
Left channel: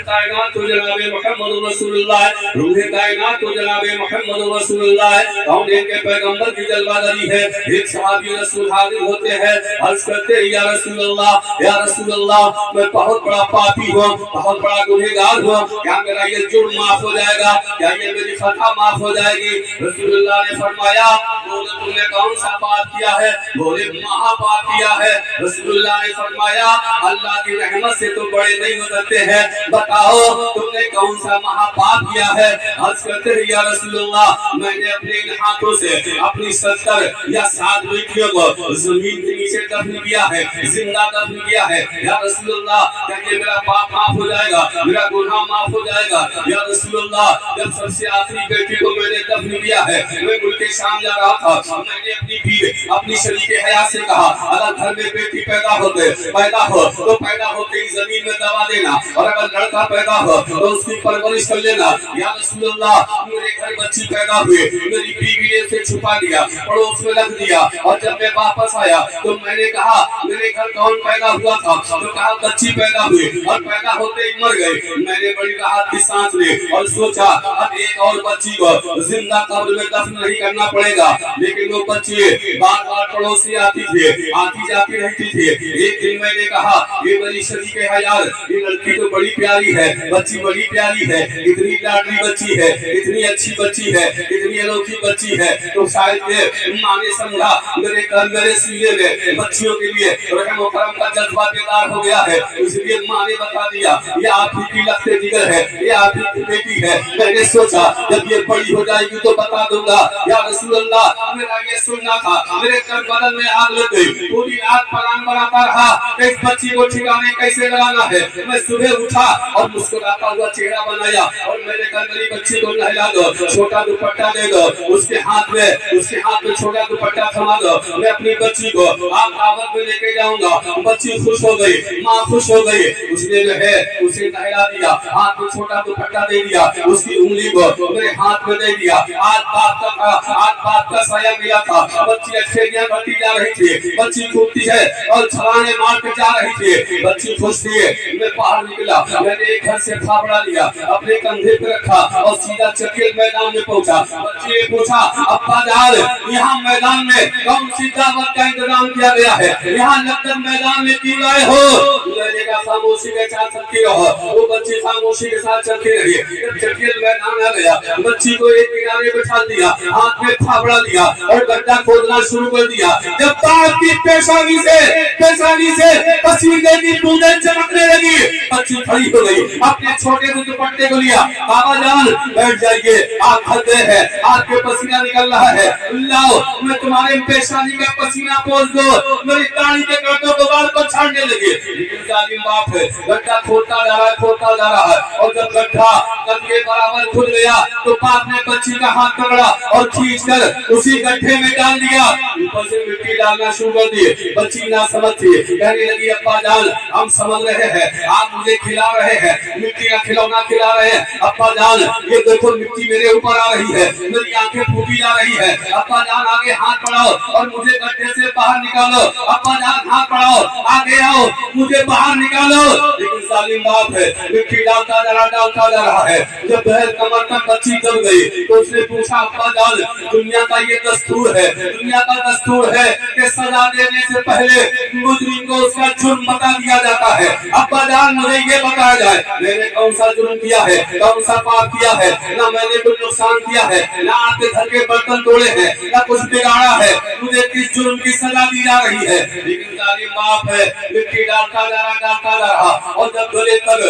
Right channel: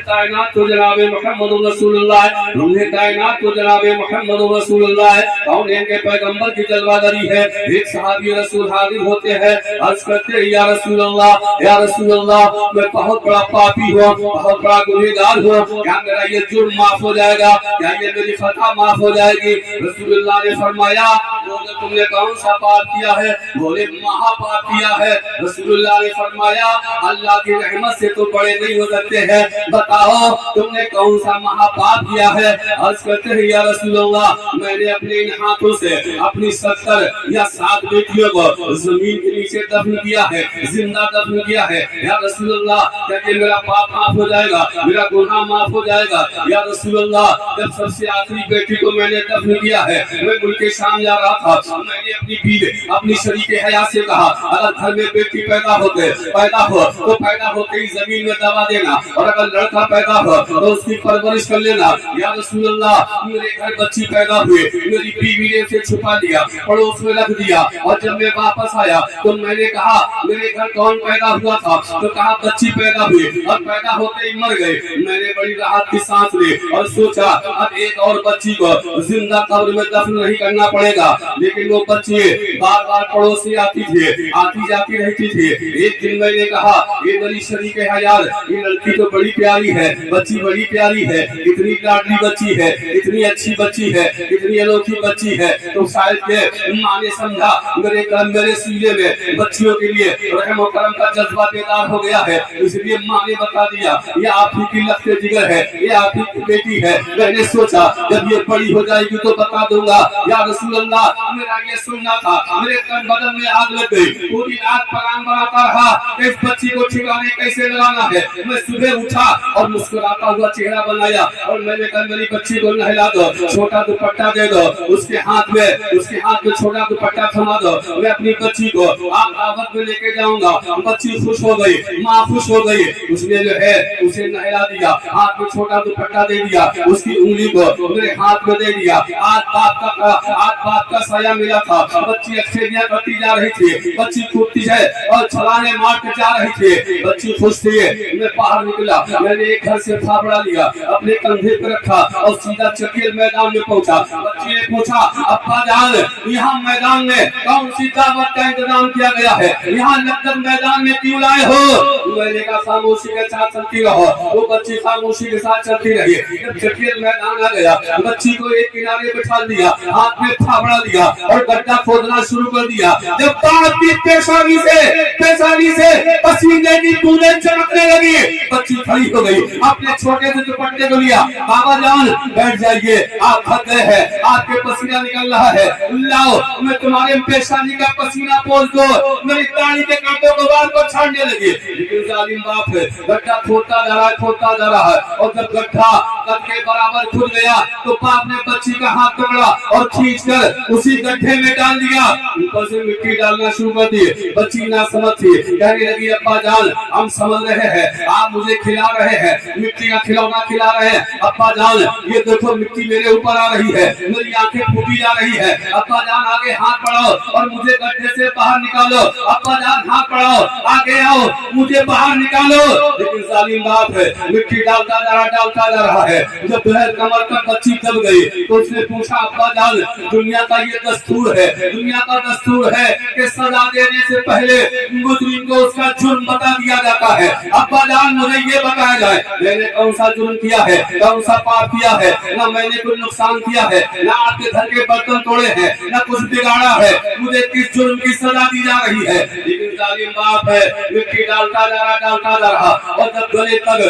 कायनात तो जनाबे मोहम्मद रसूलुल्लाह, रूहे कायनात तो जनाबे मोहम्मद रसूलुल्लाह। कौन के पैगंबर की जलवादारी है। एक सहाबी रसूल हाजिर होते हैं, अर्ज करते हैं या रसूल अल्लाह, मैं बहुत बड़ा पापी हूँ, बहुत बड़ा गुनहगार हूँ, क्या मेरा ये जुर्म माफ हो जाएगा, क्या ये मेरी खता माफ हो जाएगी। रसूलुल्लाह ने फरमाया, बोले तुमने कौन सा पाप किया है। बोले महापाप किया है। रसूलुल्लाह ने फरमाया, अल्लाह की रहमत से तो बड़े नहीं हो सकते हैं, बताओ तुमने कौन सा महापाप किया है। अर्ज करते हैं या रसूलल्लाह, मैंने अपने इन हाथों से अपनी 70 या 7 बेटियों को जमीन के नीचे दफन किया है, जिंदा दफन किया है। या रसूलल्लाह, क्या ये मेरा पाप माफ हो जाएगा, मेरा गुनाह माफ हो जाएगा। या रसूलल्लाह, जब सबसे आखिरी बेटी को मैंने दफन किया है, मैं मुल्क शाम जा रहा था, मैंने अपनी बीवी, अपनी शरीके हयात से कहा, अगर घर में बेटी पैदा हो तो पैदा होते ही जमीन में दबा देना, और अगर लड़का पैदा हो तो उसकी परवरिश कर लेना। या रसूलल्लाह, मेरे घर बच्ची पैदा हुई, मेरी बीवी ने उसे छुपा लिया, पड़ोस में रख दिया, और जब मैं वापस आया तो मैंने कहा मेरे घर कौन पैदा हुआ था, तो कहा बच्ची पैदा हुई, और पैदा होते ही मर गए। मैंने बड़ी राहत की सांस ली और सोचा अब एक और बच्ची को जिंदा कब्र में दफन नहीं करना पड़ेगा। लेकिन वो बच्ची बार बार पड़ोस से आती थी, आती जाती रहती थी। एक दिन मैंने कहा, ये मेरी शरीके हयात, ये लड़की तो बड़ी प्यारी है, बच्ची बड़ी प्यारी है, इतनी लाडली बच्ची है, इतनी अच्छी बच्ची है, इतनी अनोखी बच्ची है, तो शायद के माँ ने समझा मेरे सीने में बच्चियों के लिए रहम और करम का जज्बा बेदार हो गया है, इसलिए माँ ने बता दिया ये आप ही की लखते जिगर है, ये आप ही की बेटी है। मैंने सोचा जब ये बड़ी हो जाएगी तो बता दूंगा। या रसूलल्लाह, मेरा ये सुनना था, मेरे तन बदन में आग लग गई, पूरी रात प्लान बनाता रहा इस बच्ची को ठिकाने कैसे लगाना है। मैं सुबह उठा और मुस्कुराता हुआ चेहरा बनाया, और मैंने कहा मेरी बच्ची को नहला दो, छोटा दुपट्टा दे दो, उसके हाथ में छोटा दुपट्टा थमा दो, मैं अपनी बच्ची को आप दावत में लेके जाऊंगा। बच्ची खुश हो गई, माँ खुश हो गई, उसने जो है उसे नहला दिया, हाथ में छोटा दुपट्टा दे दिया, उसकी उंगली को मेरे हाथ में दे दिया। आज बाप का साया मिला था। बच्ची अच्छेरियां करती जा रही थी, बच्ची कूदती है और छलांगे मार के जा रही थी, बच्ची खुश थी। मैं बाहर निकला, मैंने एक घर से फावड़ा लिया, अपने कंधे पे रखा और सीधा चकेल मैदान में पहुंचा। बच्ची ने पूछा, अब्बा जान यहाँ मैदान में कौन सी दावत का इंतजाम किया गया है, यहाँ लक्कड़ मैदान में क्यों लाए हो। मैंने कहा खामोशी के साथ चलती रहो। वो बच्ची खामोशी के साथ चलती रही। जब चकेल मैदान आ गया, बच्ची को एक किनारे बिठा दिया, हाथ में फावड़ा लिया और गड्ढा खोदना शुरू कर दिया। जब बाप की पेशानी से पसीने की बूंदें चमकने लगी, बच्ची खड़ी हो गई, अपने छोटे से दुपट्टे को लिया, बाबा जान बैठ जाइए, आप थक गए हैं, आपके पसीना निकल रहा है, लाओ मैं तुम्हारे पेशानी का पसीना पोंछ दो। मेरी दाढ़ी के कांटों को बाल को छाड़ने लगी। लेकिन जालिम बाप है, गड्ढा खोदता जा रहा है, और जब गड्ढा कद के बराबर खुद गया तो बाप ने बच्ची का हाथ पकड़ा और खींचकर उसी गड्ढे में डाल दिया। ऊपर से मिट्टी डालना शुरू कर दी। बच्ची ना समझ थी, कहने लगी अब्बा जान हम समझ रहे हैं, आप मुझे खिला रहे हैं, मिट्टी का खिलौना खिला रहे हैं। अब्बा जान ये देखो मिट्टी मेरे ऊपर आ रही है, मेरी आंखें फूटी जा रही है। अब्बा जान आगे हाथ बढ़ाओ और मुझे गड्ढे से बाहर निकालो। अब्बा जान हाथ बढ़ाओ, आगे आओ, मुझे बाहर निकालो। लेकिन जालिम बाप है, मिट्टी डालता जा रहा है। जब बहर कमर तक बच्ची दब गई तो उसने पूछा, अब्बा जान दुनिया का ये दस्तूर है, दुनिया का दस्तूर है कि सजा देने से पहले मुजरिम को उसका जुर्म बता दिया जाता है। अब्बा जान मुझे ये बताया जाए मैंने कौन सा जुर्म किया है, कौन सा पाप किया है, ना मैंने कोई नुकसान किया है, ना आपके घर के बर्तन तोड़े हैं, ना कुछ बिगाड़ा है, मुझे किस जुर्म की सजा दी जा रही है। लेकिन जालिम बाप है, मिट्टी डालता जा रहा और जब गले तक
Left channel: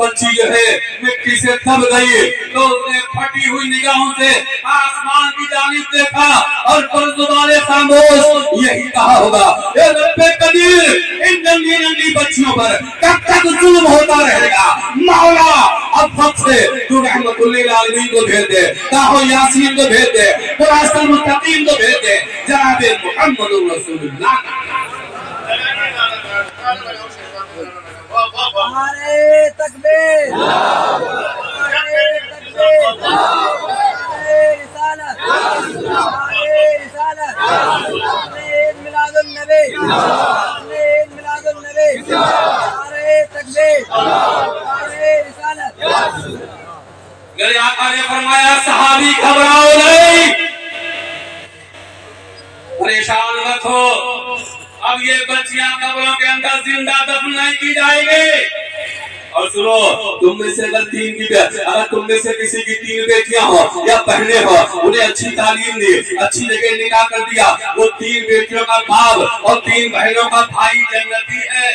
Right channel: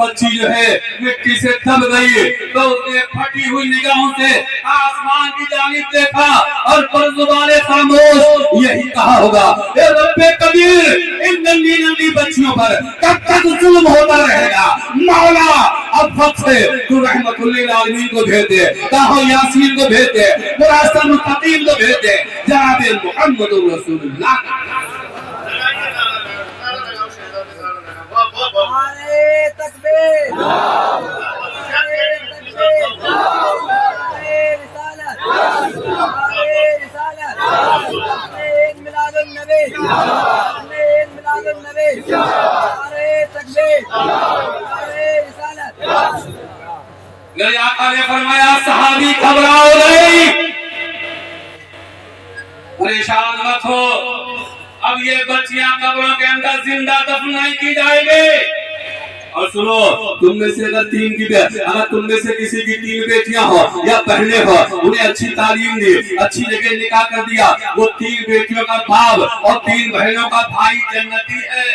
बच्ची जो है मिट्टी से दब गई तो उसने फटी हुई निगाहों से आसमान की जानिब देखा और परजुबाने खामोश यही कहा होगा, ए रब्बे कदीर, इन नन्ही नन्ही बच्चियों पर कब तक जुल्म होता रहेगा। मौला अब वक्त से तू रहमतुल लिल आलमीन को भेज दे, ताहो यासीन को भेज दे, मुरासल मुत्तकीन को भेज दे, जनाबे मुहम्मदुर रसूलुल्लाह। नारे तकबीर, नारे तकबीर, नारे रिसालत, नारे रिसालत, नारे मिलादुन नबी, नारे मिलादुन नबी, नारे तकबीर, नारे रिसालत। मेरे आका ने फरमाया सहाबी घबराओ नहीं, परेशान मत हो, अब ये बच्चियां कब्रों के अंदर जिंदा दफन नहीं की जाएंगी। और सुनो, तुम में से अगर तुम में से किसी की 3 बेटियां हो या बहनें हो, उन्हें अच्छी तालीम दी, अच्छी जगह निकाह कर दिया, वो 3 बेटियों का बाप और 3 बहनों का भाई जन्नती है।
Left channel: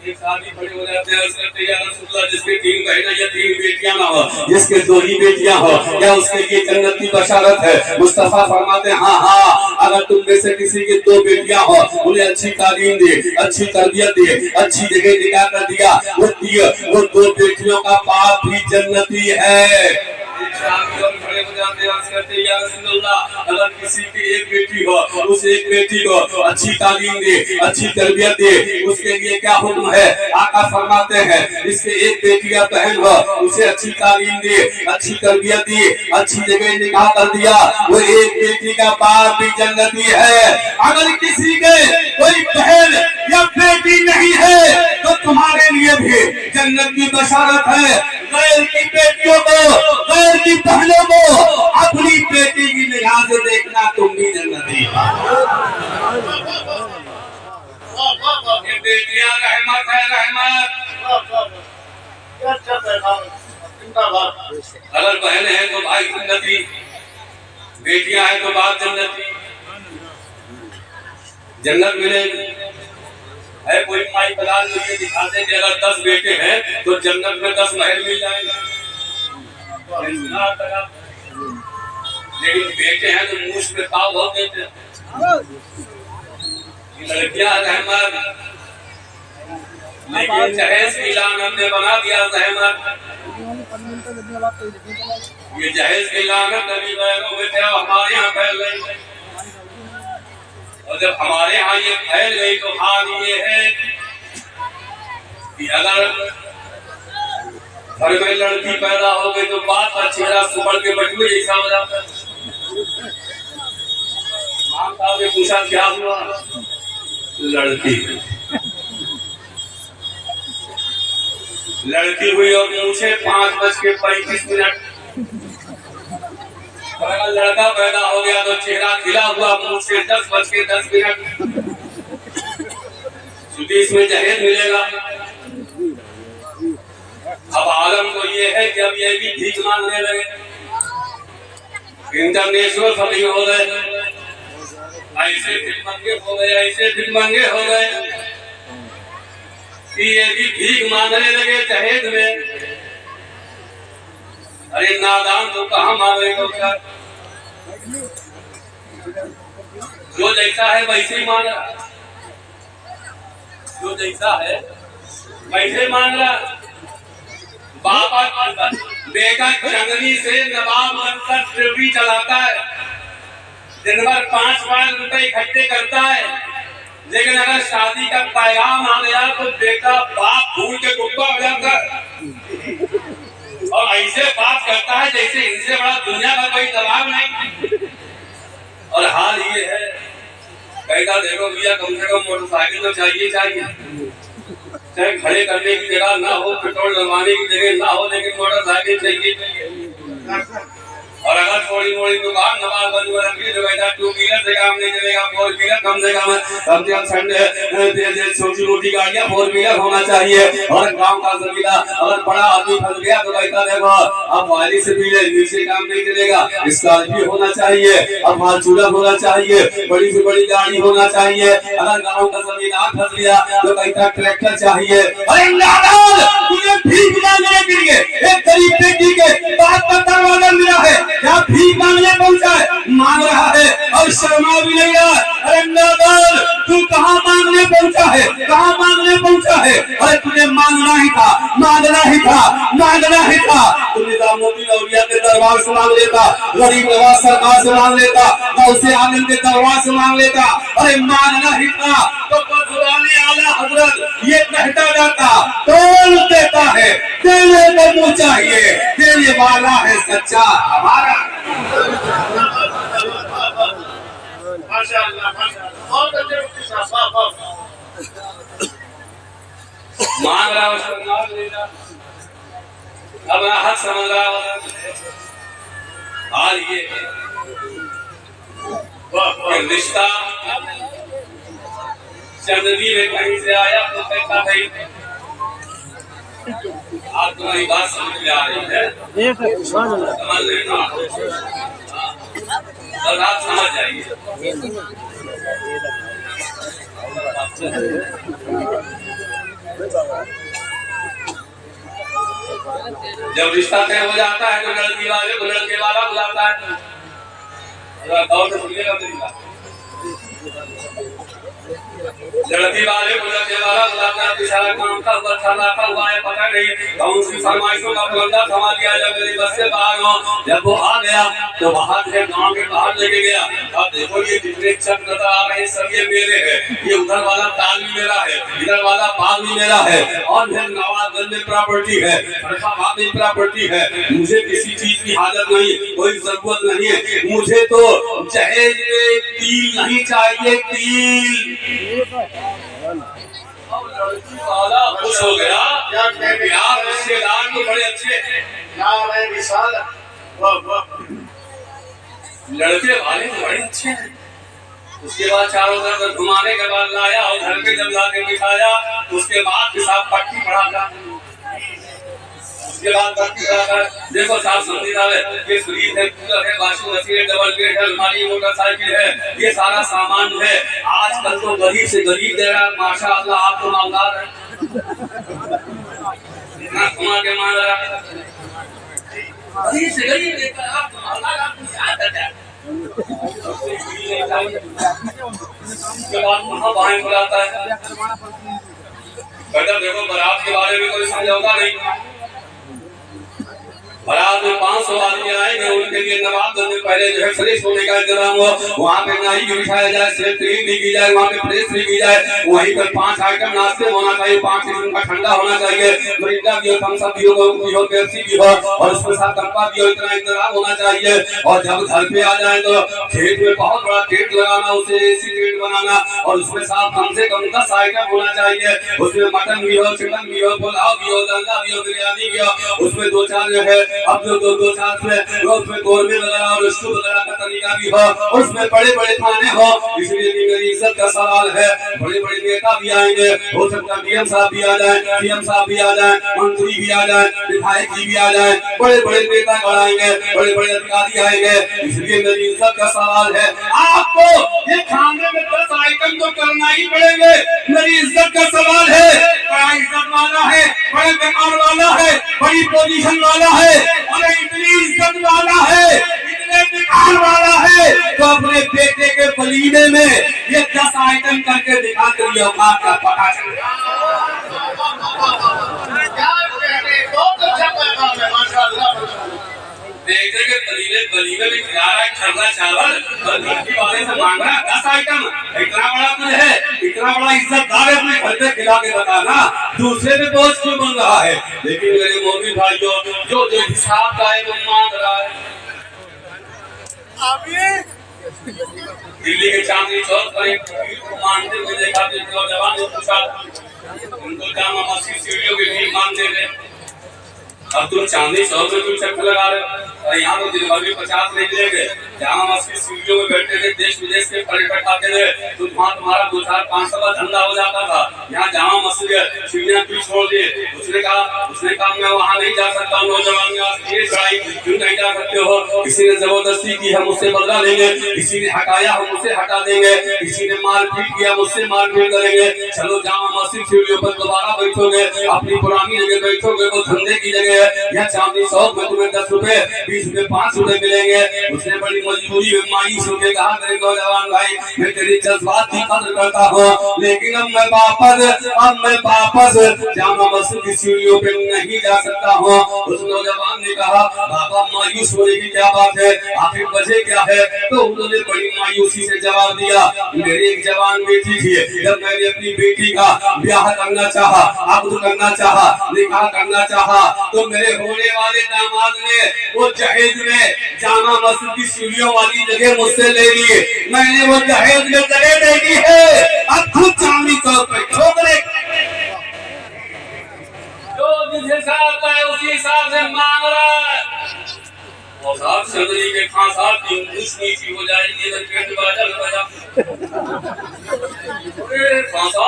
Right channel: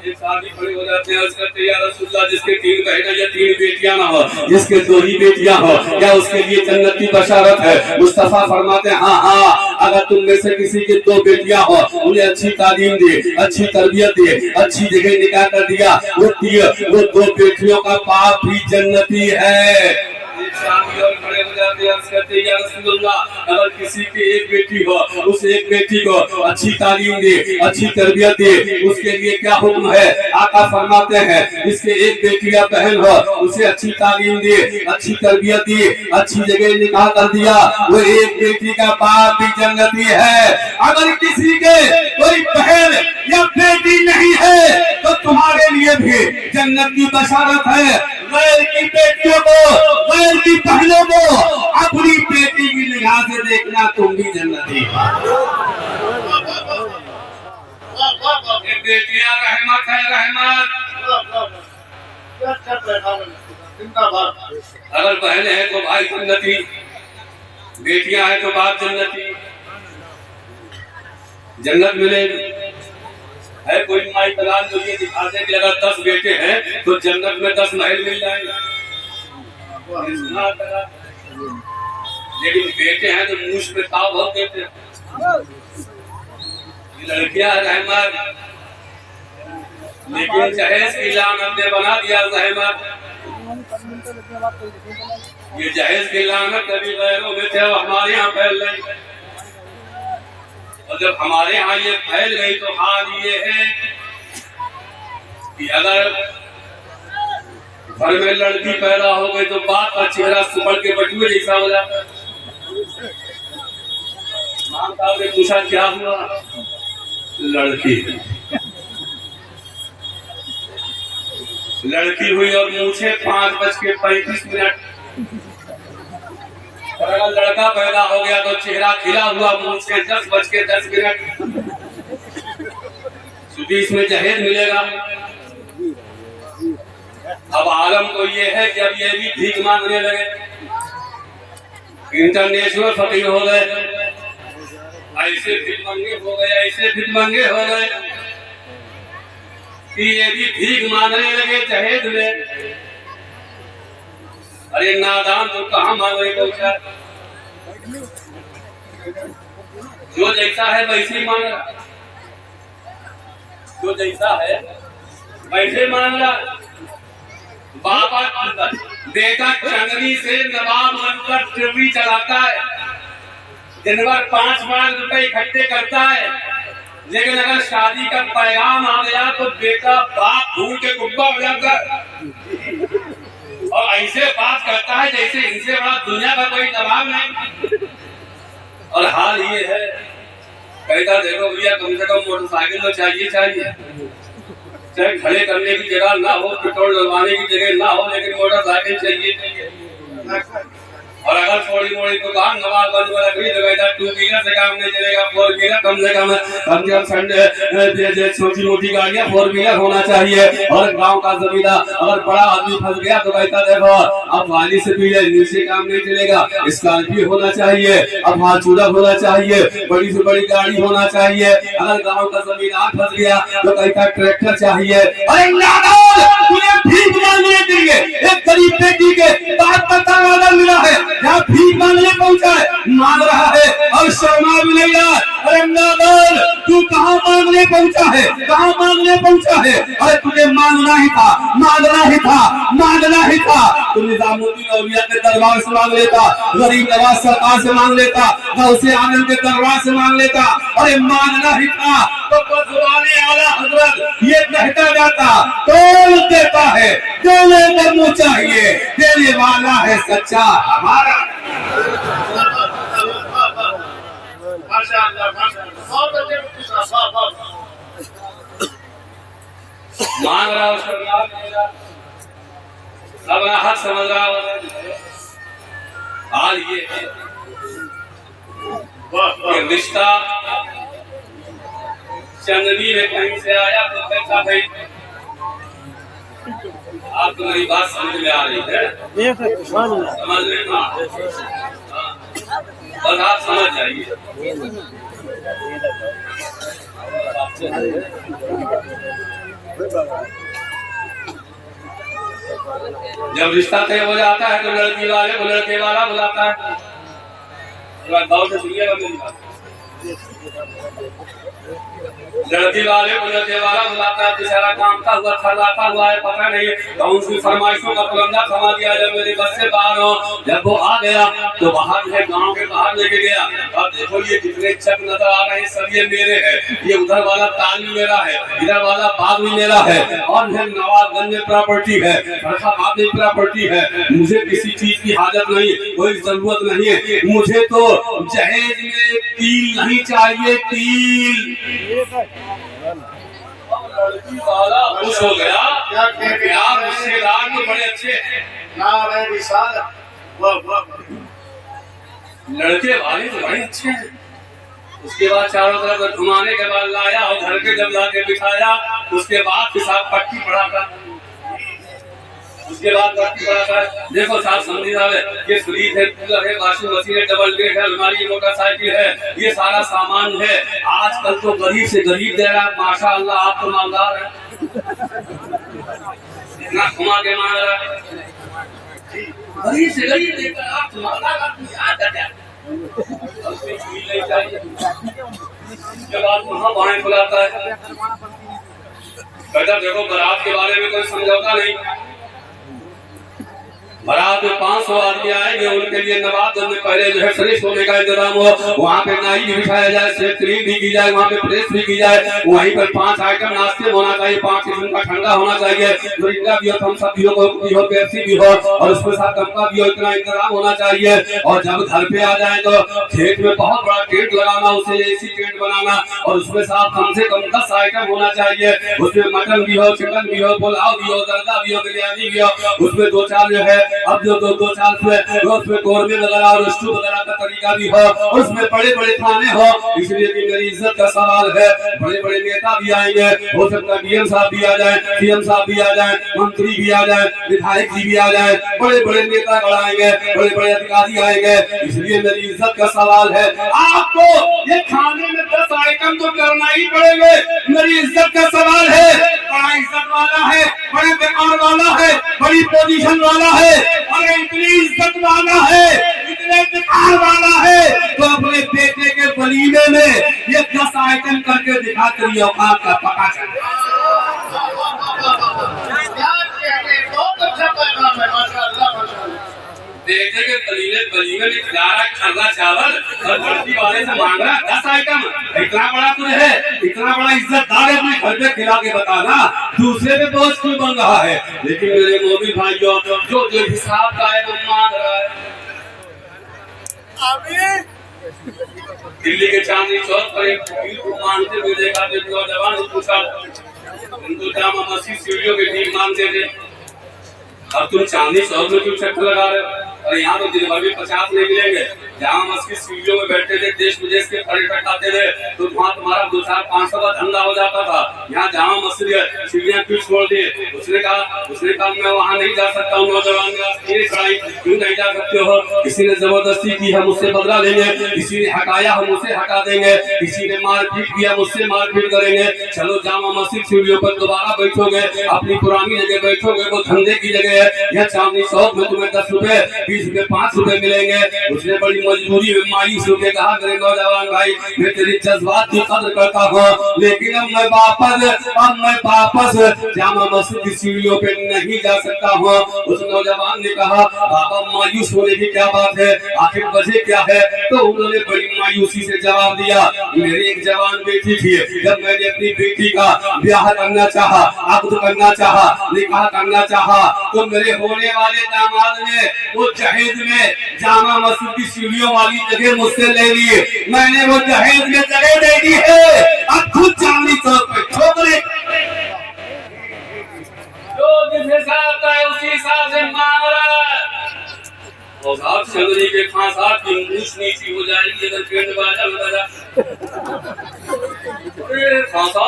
एक शादी खड़ी हो जाते हैं, उसका तैयार रसूलुल्लाह जिसके 3 बहनें या 3 बेटियां ना हो, जिसके 2 ही बेटियां हो, क्या उसके लिए जन्नत की बशारत है। मुस्तफा फरमाते हैं हाँ, अगर तुम में से किसी की 2 बेटियां हो, उन्हें अच्छी तालीम दी, अच्छी तरबियत दी, अच्छी जगह निकाह कर दिया, वो 2 बेटियों का बाप भी जन्नती है। और खड़े हो जाते हैं, उसका तैयार रसूलुल्लाह अगर किसी की 1 बेटी हो, उस 1 बेटी को अच्छी तालीम दे, अच्छी तरबियत दे, उसके लिए क्या हुक्म है। आका फरमाते हैं इसके 1 बेटी या बहन हो, उसे अच्छी तालीम दे, अच्छी तरबियत दी, अच्छी जगह निकाह कर दिया, वो 1 बेटी का बाप भी जन्नती है। अगर किसी के कोई बहन या बेटी नहीं है तो तुम्हारे लिए भी जन्नत की बशारत है। गैर की बेटियों को, गैर की बहनों को अपनी बेटी की निगाह से देखना, तुम भी जन्नती हो। बेटियां रहमत है, रहमत। अगर बहन है तो भाई जन्नती, बेटियां हैं तो बाप जन्नती, जन्नत मिलेगी। है कोई माई दलाल जो ये दिखाते कि अगर 10 बेटे हैं तो जन्नत में 10 महल मिल जाएगा, लेकिन बेटे हैं तो मूछ पे ताव हो देते। लड़कियां रहमत, लेकिन जहेज की लानत ने बना दिया रहमत। ये जहेज की लानत अभी गैरों में थे, हमारे यहाँ फैल रही, और जब हमारे यहाँ ये फैल गई तो हाल ये है कि अगर घर में लड़की पैदा हो गई तो बाप का चेहरा सुबह के बटुए जैसा हो जाता है। मां साहब ने पूछा क्या हुआ, लड़की हुई और मुझे 5:35। और अगर लड़का पैदा हो गया तो चेहरा खिला हुआ, मुंह से 10:10। इसमें जहेज मिलेगा। अब आलम तो ये है कि अब ये भी भीख मांगने लगे, इंटरनेशनल फकीर हो गए, ऐसे भिखमंगे हो गए, ऐसे भिखमंगे हो गए कि ये भी भीख मांगने लगे जहेज में। अरे नादान तो कहाँ मांगे तो क्या, जो जैसा है वैसे ही मांग रहा, जो जैसा है वैसे मांग रहा। बाबा बेटा जंगली से नवाब बनकर ट्रेवरी चलाता है, दिन भर 5 लाख रुपए इकट्ठे करता है, लेकिन अगर शादी का पैगाम आ गया तो बेटा बाप भूल के गुब्बा हो जाता है और ऐसे बात करता है जैसे इनसे बड़ा दुनिया का कोई दबाव नहीं। और हाल ये है, कहता देखो भैया कम से कम मोटरसाइकिल तो चाहिए, चाहे खड़े करने की जगह ना हो, पेट्रोल डलवाने की जगह ना हो, लेकिन मोटरसाइकिल चाहिए। और अगर थोड़ी मोड़ी दुकान नवाबगंज में लकड़ी तो कहता 2 व्हीलर से काम नहीं चलेगा, 4 व्हीलर कम से कम छोटी मोटी गाड़ियां 4 व्हीलर होना चाहिए। और गांव का जमींदार अगर बड़ा आदमी फंस गया तो कहता देखो अब वाली से भी नीचे काम नहीं चलेगा, स्कॉर्पियो होना चाहिए, अब फार्चूनर होना चाहिए, बड़ी से बड़ी गाड़ी होना चाहिए। अगर गांव का जमींदार फंस गया तो कहता ट्रैक्टर चाहिए। अरे नादान तुझे भीख मांगने के लिए एक गरीब बेटी के बात पर दरवाजा मिला है, क्या भीख मांगने पहुंचा है, मांग रहा है और शर्मा भी नहीं रहा। अरे नादान तू कहाँ मांगने पहुंचा है, कहाँ मांगने पहुंचा है? अरे तुझे मांगना ही था, मांगना ही था, मांगना ही था। तू निजामुद्दीन औलिया के दरबार से मांग लेता, गरीब नवाज सरकार से मांग लेता, गौसे आजम के दरबार से मांग लेता। अरे मांगना ही था तो बदुआने आला हजरत ये कहता जाता तोल देता है, देने को मुँह चाहिए, देने वाला है सच्चा हमारा। माशाअल्लाह माशाअल्लाह, बहुत अच्छे मुफ्ती साहब, वाह वाह। मांग रहा उसको नाम ले रहा, अपना हक समझ रहा होगा। हाल ये है कि रिश्ता चंदनी में कहीं से आया तो कहता भाई आप तुम्हारी बात समझ में आ रही है, समझ लेना, बस आप समझ जाइए। जब रिश्ता तय हो जाता है तो लड़की वाले को लड़के वाला बुलाता है, गौर से सुनिएगा मेरी बात। लड़की वाले को लड़के वाला बुलाता है, बेचारा काम का हुआ खर्राता हुआ है, पता नहीं कौन सी फरमाइशों का फलंदा थमा दिया। जब मेरी बस से बाहर हो, जब वो आ गया तो बाहर है गांव के बाहर लेके गया। अब देखो ये जितने चक नजर आ रहे हैं सब ये मेरे हैं, ये उधर वाला ताल भी मेरा है, इधर वाला बाग भी मेरा है, और फिर नवाबगंज में प्रॉपर्टी है, फरखाबाद में प्रॉपर्टी है। मुझे किसी चीज की हाजत नहीं, कोई जरूरत नहीं है। मुझे तो जहेज में तिल नहीं चाहिए, तिल। लड़की वाला खुश हो गया, यार रिश्तेदार तो बड़े अच्छे हैं, लड़के वाले तो बड़े अच्छे हैं। उसके बाद चारों तरफ घुमाने के बाद लाया और घर के जब लाके बिठाया, उसके बाद हिसाब पट्टी पड़ा था। उसके बाद पट्टी पड़ा था, देखो साहब समझी जाए ये फ्रीज है, कूलर है, वॉशिंग मशीन है, डबल बेड है, अलमारी, मोटरसाइकिल है, ये सारा सामान है। आजकल तो गरीब से गरीब दे रहा है, माशाअल्लाह आप तो मालदार हैं, इतना घुमा के मांग रहा है, गरीब से गरीब देकर आप तो मालदार, आपको याद है क्या? के बाद वहाँ बाहर बुलाता है, कहता देखो बारात के बारे में कोई समझौता नहीं। बारात में 500 आदमी आएंगे, उनके लिए नवाबगंज में पहले जो है फ्रेश होने का इंतजाम हो, वहाँ पे नाई भी बिठाया जाए, सेफ्टी भी की जाए, वहाँ पे प्रेस भी की जाए। वहीं पर 5 आइटम नाश्ते होना चाहिए, 5 किस्म का ठंडा होना चाहिए, मिरिंडा भी हो, थम्स अप भी हो, पेप्सी भी हो, और उसके साथ कप्पा भी हो, इतना इंतजाम होना चाहिए। और जब घर पे आ जाए तो खेत में बहुत बड़ा टेंट लगाना, उसे एसी टेंट बनाना, और उसमें साथ कम से कम 10 आइटम होना चाहिए। उसमें मटन भी हो, चिकन भी हो, पुलाव भी हो, दंगा भी हो, बिरयानी भी हो, उसमें 2-4 जो है अब जो 2-4 उसमें कौरमे वगैरह और स्टू वगैरह का तरीका भी हो, उसमें बड़े बड़े खाने हो। इसलिए कि मेरी इज्जत का सवाल है, बड़े बड़े नेता भी आएंगे, हो सकता है डीएम साहब भी आ जाए, सीएम साहब भी आ जाए, मंत्री भी आ जाए, विधायक जी भी आ जाए, बड़े बड़े नेता आएंगे, बड़े बड़े अधिकारी आएंगे। इसलिए मेरी इज्जत का सवाल है, आपको ये खाने में 10 आइटम तो करना ही पड़ेंगे। मेरी इज्जत का सवाल है, बड़ा इज्जत वाला है, बड़े दुकान वाला है, बड़ी पोजीशन वाला है, अरे इतनी इज्जत वाला है, इतने दुकान वाला है, तो अपने बेटे के वलीमे में ये 10 आइटम करके दिखा कर ये औकात का पता चले। बहुत अच्छा पैगाम है, माशाअल्लाह। बेटे के वलीमे में खिला रहा है खर्रा चावल, और लड़की वाले से मांग रहा है 10 आइटम। इतना बड़ा कुछ है, इतना बड़ा इज्जतदार है, अपने घर पे खिला के बताना, दूसरे पे बोझ क्यों बन रहा है? लेकिन मेरे मोदी भाइयों, जो जो हिसाब का है वो मांग रहा है। दिल्ली के चांदनी चौक पर एक पीर को मानते हुए देखा, तो नौजवान ने पूछा, उनको जामा मस्जिद सीढ़ियों की भीख मांगते थे, अब तुम चांदनी चौक में क्यों चक्कर लगा रहे हो? और यहाँ तो दिन भर भी 50 नहीं मिलेंगे। जहाँ मस्जिद सीढ़ियों में बैठते थे, देश विदेश के पर्यटक आते थे, तो वहाँ तुम्हारा 2-4-500 का धंधा हो जाता था। यहाँ जहाँ मस्जिद है, सीढ़ियाँ क्यों छोड़ दिए? उसने कहा मैं वहाँ नहीं जा सकता हूँ। नौजवान ने चढ़ाई, क्यों नहीं जा सकते हो? किसी ने जबरदस्ती की, हम उससे बदला लेंगे। किसी ने हटाया, हम उससे हटा देंगे। किसी ने मारपीट किया, मुझसे मारपीट करेंगे। चलो जामा मस्जिद सीढ़ियों पर दोबारा बैठोगे, अपनी पुरानी जगह बैठोगे, वो धंधे की जगह है। यहाँ चांदनी चौक में तुम्हें 10 रुपए, 20 रुपए, 5 रुपए मिलेंगे। उसने बड़ी मजबूरी में मायूस होकर कहा, मेरे नौजवान भाई, मैं तेरी जज्बात की कदर करता हूँ, लेकिन अब मैं वापस जामा मस्जिद की सीढ़ियों पे नहीं जा सकता हूँ। उस नौजवान ने कहा, बाबा मायूस होने की क्या बात है, आखिर वजह क्या है? तो उन्होंने बड़ी मायूसी से जवाब दिया, मेरी एक जवान बेटी थी, जब मैंने अपनी बेटी का ब्याह करना चाहा, अक़्द करना चाहा, निकाह करना चाहा, तो मेरे होने वाले दामाद ने वो दहेज में जामा मस्जिद की सीढ़ियों वाली जगह मुझसे ले ली। मैंने वो दहेज में जगह दे दी है, अब खुद चांदनी चौक पे ठोकरे जो जिस हिसाब का है उसी हिसाब से मांग रहा है। और साहब चंदनी के फांसा की मूछ नीची हो जाएगी अगर पेट बाजा में बजा। फांसा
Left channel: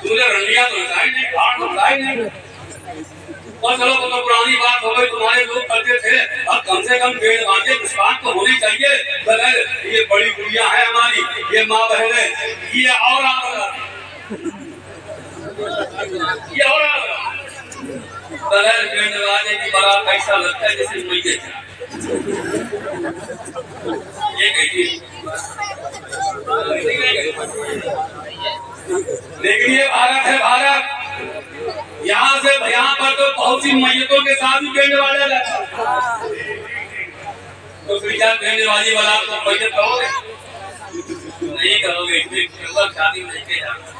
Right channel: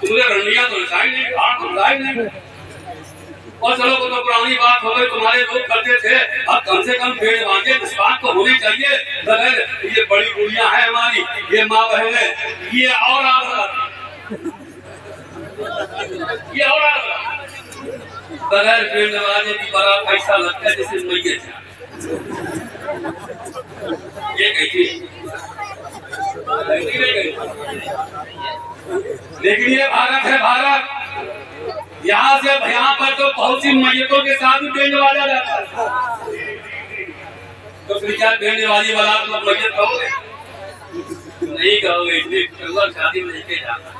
तुझे रंडिया तो हिसाई नहीं, घाट तो हिसाई नहीं। और चलो वो तो पुरानी बात हो गई, तुम्हारे लोग करते थे, अब कम से कम पेड़ बांधे विश्वास तो होनी चाहिए। बगैर ये बड़ी गुड़िया है हमारी, ये माँ बहन है, ये और बगैर पेड़ लगाने की बड़ा पैसा लगता है, जैसे मैये ये कहती। लेकिन ये भारत है, भारत यहाँ से यहाँ पर तो बहुत सी मैयतों के साथ भी पेड़ लगाया जाता है। तो फिर क्या पेड़ वाली वाला तो मैयत कहोगे? नहीं कहोगे, शादी में लेके जाना।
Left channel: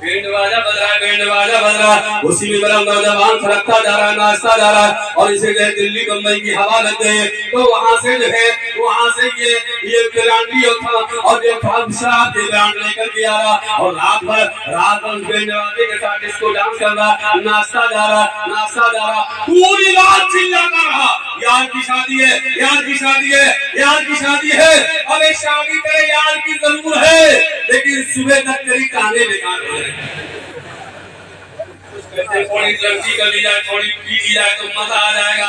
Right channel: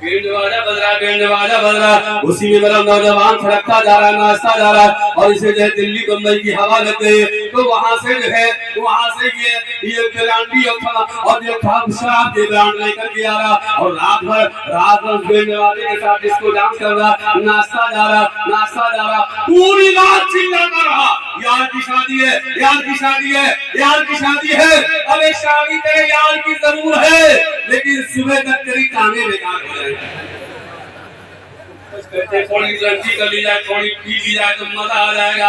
बैंड बाजा बज रहा, उसी में मेरा नौजवान फरकता जा रहा, नाचता जा रहा, और इसे जो है दिल्ली बम्बई की हवा लग गई। तो वहाँ से जो है ये ब्रांडी और जो शराब के ब्रांड लेकर के आ रहा, और रात भर बैंड बाजे के साथ इसको डांस कर रहा, नाचता जा रहा, पूरी रात चिल्लाता रहा, यार की शादी है, यार की शादी है, यार की शादी है। अरे शादी तेरे यार की जरूर है, लेकिन सुबह तक तेरी टांगे बेकार हो जाए। थोड़ी लड़की कर ली जाए, थोड़ी पी ली जाए तो मजा आ जाएगा,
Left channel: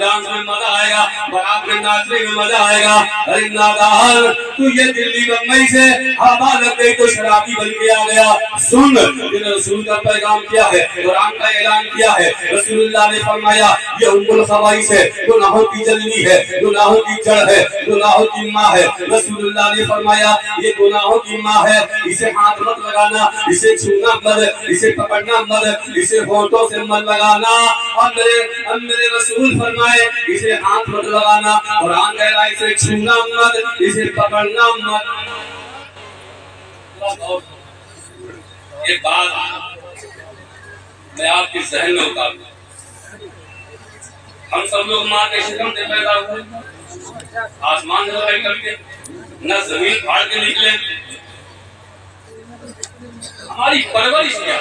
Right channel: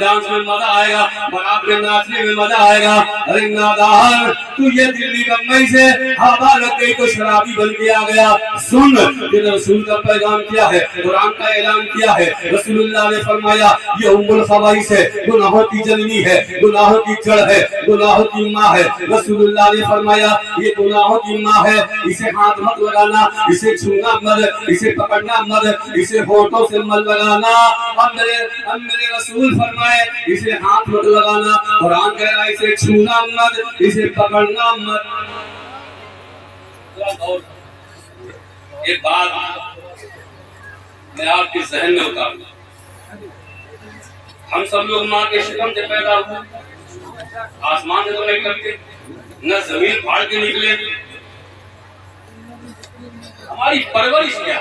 डांस में मजा आएगा, बारात में नाचने में मजा आएगा। अरे नादान, तू ये दिल्ली बम्बई से हवा लग गई तो शराबी बन के आ गया। सुन, रसूल का पैगाम क्या है, कुरान का ऐलान किया है। रसूलुल्लाह ने फरमाया, ये उम्मुल खबाइस है, गुनाहों की जननी है, गुनाहों की जड़ है, गुनाहों की माँ है। रसूलुल्लाह ने फरमाया, ये गुनाहों की माँ है, इसे हाथ मत लगाना, इसे छूना मत, इसे पकड़ना मत, इसे होठों से मत लगाना। अब मेरे रसूल फरमाए, इसे हाथ मत लगाना, कुरान कह रहा है इसे छूना मत, इसे पकड़ना मत। एक बात मैं आपके जहन में उतार दूं, हम सब लोग माँ के शिकम से पैदा हुए, आसमान से पैदा करके, न जमीन फाड़ के निकले। हमारी परवरिश क्या,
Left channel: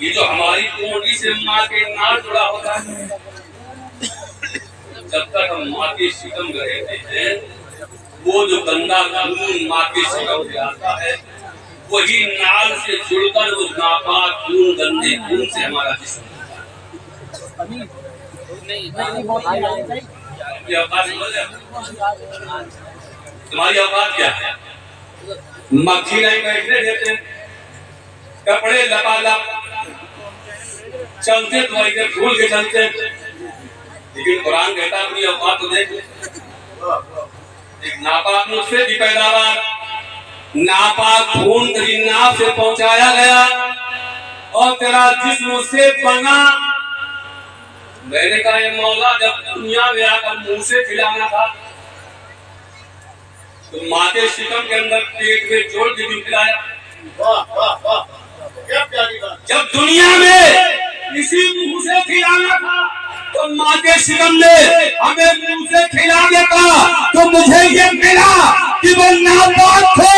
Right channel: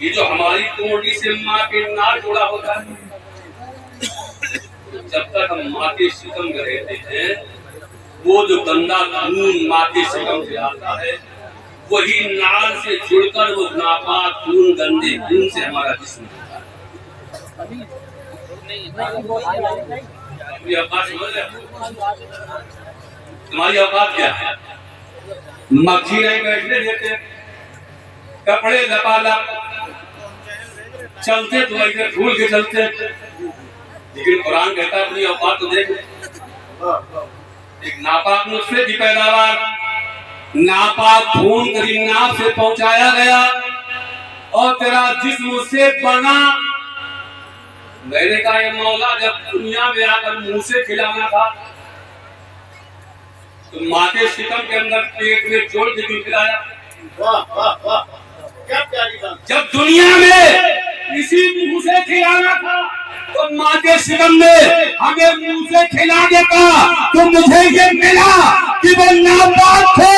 ये जो हमारी कोटी से माँ के नाल जुड़ा होता है, जब तक हम माँ के शिकम में रहते हैं, वो जो गंदा खून माँ के शिकम से आता है, वही नाल से जुड़कर वो नापाक खून, गंदे खून से हमारा जिस्म तुम्हारी औकात क्या है? मक्खी नहीं बैठने देते, कपड़े लपालप चलते तो ऐसे भूल के चलते, लेकिन कुरान कहता है अपनी औकात तो देख। एक नापाक मुझसे भी पैदावार, नापाक खून तेरी नाक से पहुंचाया गया और तेरा जिस्म से बना। मैंने कहा ये मौला जब दुनिया में आकर मुंह से खिलाना था तो माँ के शिकम के अंदर पेट में जोड़ के भी खिलाया। वाह वाह वाह, क्या प्यारी बात। जब दुनिया में इसी मुंह से खिलाना था तो माँ के शिकम ने हमें मुंह से खिलाने का, तो मुझे ये मिला कि वो नापाक थे,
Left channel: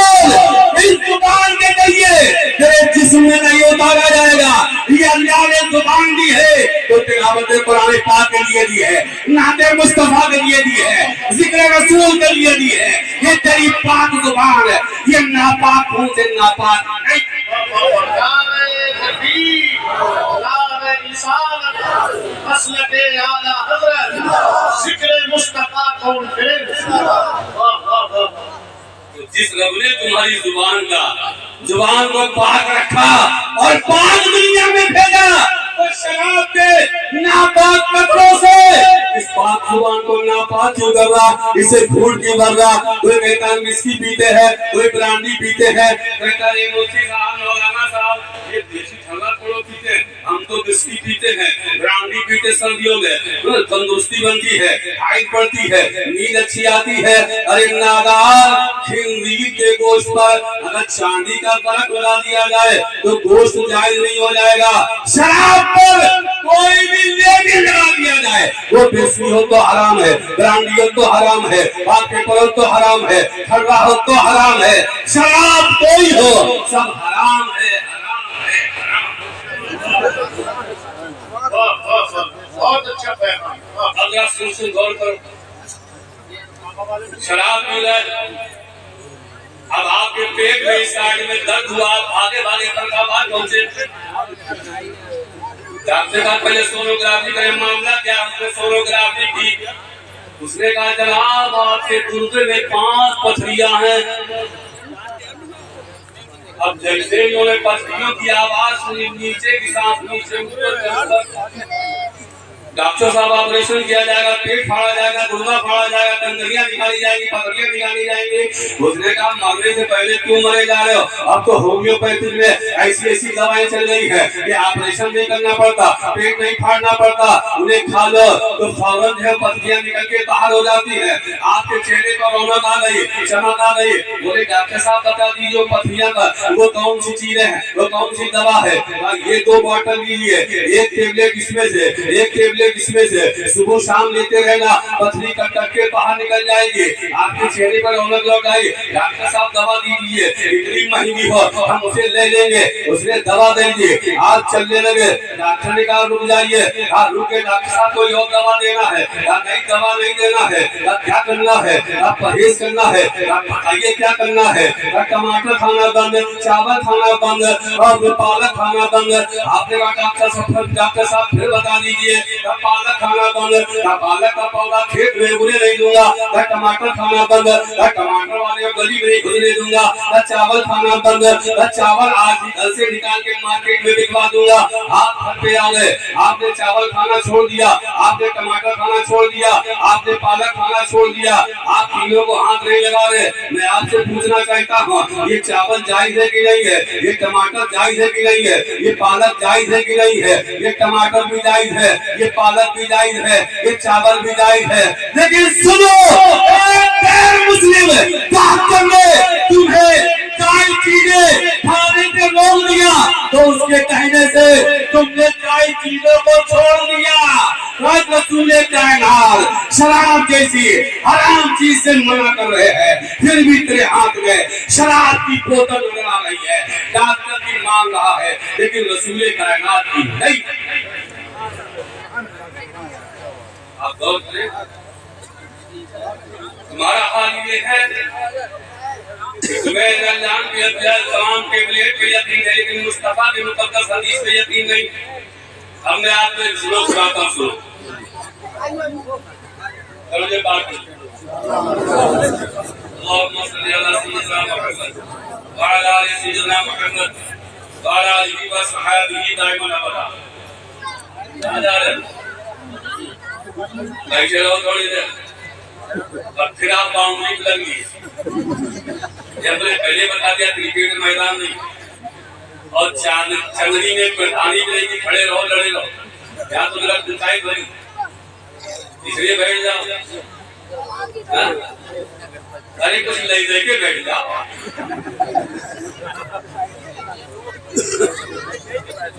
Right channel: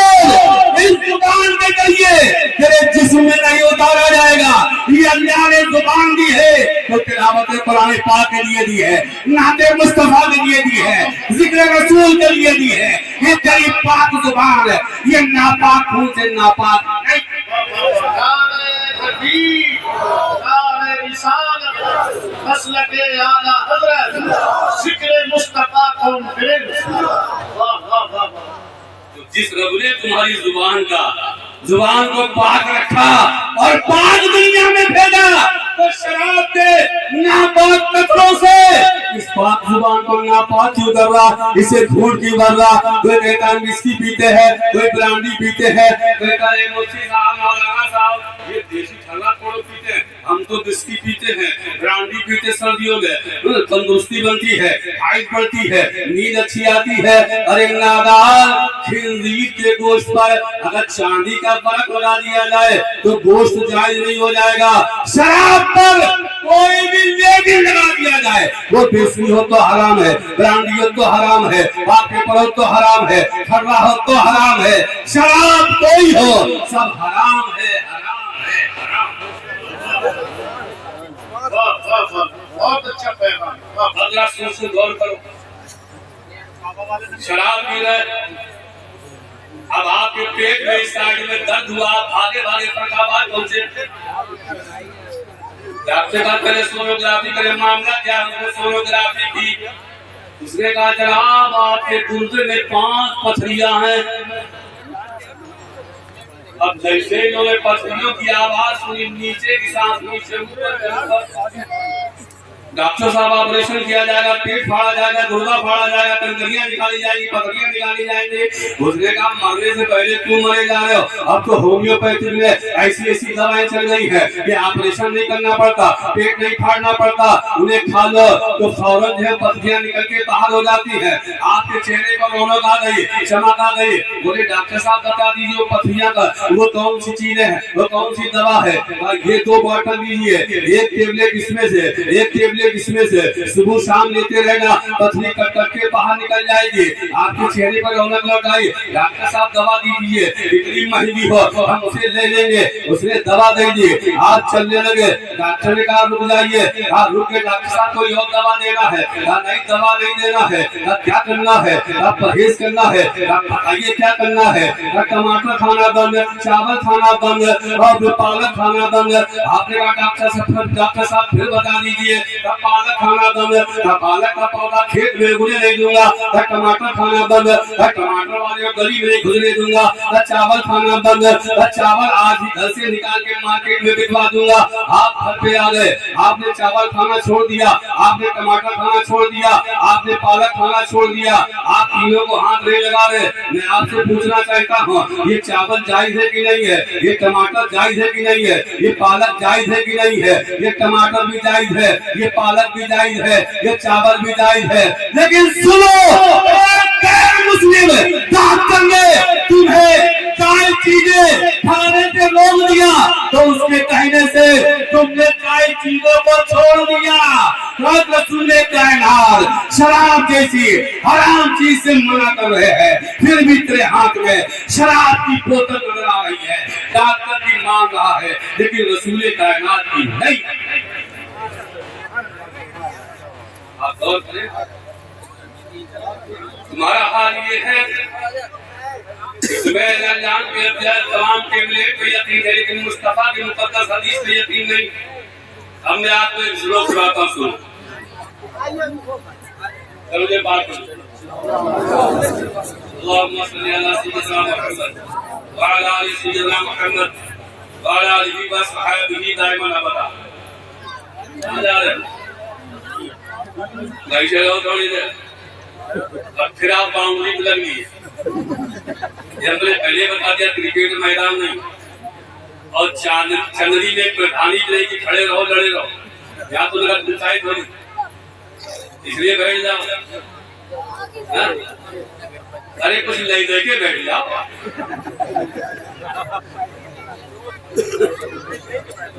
इस जुबान के जरिए तेरे जिस्म में नहीं उतारा जाएगा। ये अल्लाह ने जुबान दी है तो तिलावत कुरान पाक के लिए दी है, नाते मुस्तफा के लिए दी है, जिक्र रसूल के लिए दी है। ये तेरी पाक जुबान है, ये नापाक मुंह से नापाक नहीं। मसलके आला हज़रत जिक्र मुस्तफा कौन करे। वाह वाह वाह। तो जिस रब ने तुम्हारी जुबान को पाक रखा और पाक दुनिया में भेजा, तो शराब के नापाक कतरों से इस पाक जुबान को नापाक क्यों कर रहा, इसे झूठ क्यों कर रहा। कोई कहता है विस्की पीते हैं, कोई ब्रांडी पीते हैं, कोई कहता है मुफ्ती साहब मौलाना साहब ये देसी ठगा थोड़ा पीते हैं, हम तो विस्की पीते हैं, ब्रांडी पीते सर्दियों में तंदुरुस्ती बनती है, हाइट बढ़ती है, नींद अच्छी आती है। अरे नादार, खिंजीर के गोश्त पर अगर चांदी का फर्क लगा दिया जाए तो गोश्त जायज नहीं हो जाएगा। शराब पर कोई भी लेबल लगा दिया जाए, वो विस्की हो तो हराम है, ब्रांडी हो तो हराम है, पाक पेपर हो तो हराम है, खर्रा हो तो हराम है, शराब कोई हो सब हराम है। बहुत अच्छा पैगाम। अगला सुन गौर करो, शराब पी रहे, अब आपके पेट में इस साइड में दर्द हुआ, भागे भागे फरखाबाद पहुंचे, डॉक्टर का पहले सोनोग्राफी करे, मामला क्या, हमने सोनोग्राफी की, उसने कहा जनाब आपके गुर्दे में 5 पथरियां हैं। अब जैसे इन्होंने पथरियों की आवाज सुनी, नीचे की सांस नीचे ऊपर, डॉक्टर साहब ऑपरेशन किया जाएगा, पेट फाड़ा जाएगा, गुर्दा फाड़ा जाएगा, कंकरियां निकाली जाएगी, पथरियां निकाली जाएंगी। उसने कहा मरने से पहले क्यों मरे जा रहे हो, अब तो होम्योपैथी में ऐसी ऐसी दवाएं चल रही है कि ऑपरेशन नहीं करना पड़ता, पेट नहीं फाड़ना पड़ता, उन्हें खा लो तो फौरन जो पथरियां निकल के बाहर हो जाती है, आपके चेहरे पर रौनक आ गई, चमक आ गई। बोले डॉक्टर साहब बता दीजिए पथरियां का वो कौन सी चीज है, वो कौन सी दवा है। ये 2 बॉटल लीजिए, एक टेबलेट इसमें से, एक टेबलेट इसमें से, सुबह शाम लेते रहना, पथरी कट कट के बाहर निकल जाएगी, आपके चेहरे पर रौनक लौट आई। डॉक्टर साहब दवा दीजिए, इतनी महंगी हो हम उसे ले लेंगे। उसने दवा दे दी, आप चलने लगे। डॉक्टर ने कहा रुक जाइए, आप रुक के डॉक्टर साहब कोई और दवा देना है, नहीं दवा नहीं देना है, क्या करना है, आप परहेज करना है, आप बताइए क्या करना है। टमाटर खाना बंद, चावल खाना बंद और पालक खाना बंद। आपने कहा डॉक्टर साहब फिर बता दीजिए, पालक खाना बंद, पालक का पौधा खेत में उगने नहीं दूंगा, टमाटर खाना बंद, टमाटर वाले गली में नहीं घुसने दूंगा, चावल खाना बंद, चावल आज ही घर से निकाल के मार्केट में बिकवा दूंगा। आप घर पे आ गए, आपने चावल खाना छोड़ दिया, आपने टमाटर खाना छोड़ दिया, आपने पालक खाना छोड़ दिया, आप तीनों को हाथ नहीं लगा रहे। मैं आपसे पूछना चाहता हूँ ये चावल जायज है कि नहीं है, ये टमाटर जायज है कि नहीं है, ये पालक जायज है कि नहीं है, ये टमाटर भी जायज है, ये पालक भी जायज है, ये चावल भी जायज है। लेकिन सुनो, गैर मुस्लिम डॉक्टर ने तुम्हें 4 चीजें खाने से रोक दिया, तो उसके कहने से तुमने 4 चीजों को छोड़ दिया। रसूले कायनात शराब जैसी हराम चीज से मना कर रहे हैं, फिर भी तेरे हाथ में शराब की बोतल नजर आ रही है, डॉक्टर की मांग रहा है, लेकिन रसूले कायनात की नहीं। आप गौर करें, तुम्हारा हाल ये है कि मैं रमजान के तमाम टेबलेट पे यकीन है, लेकिन मुस्तफा की मुकद्दस हदीस पे यकीन नहीं। अब मैं आपको एक श्लोक सुनाता हूं, सुनो। मुझे बात अल्लाहुम्मा सल्ली अला सय्यिदना मुहम्मद व अला आलि सय्यिदना मुहम्मद व अला आलिहि व सहाबिहि दाइमन अबदा। कहां जा रहे हैं? भाई चलो थोड़ी देर, और फिर आप बाउंड्री लग ली। हमने पहले बता दिया क्रिकेट मैदान नहीं, और चंदरी में प्रधानी रहेगी, खड़े रहो लड़े रहो, यहाँ तो मेरा पंचायत बनी, इसलिए बैठ जाओ। अरे कुछ ले दे के बैठ जाओ।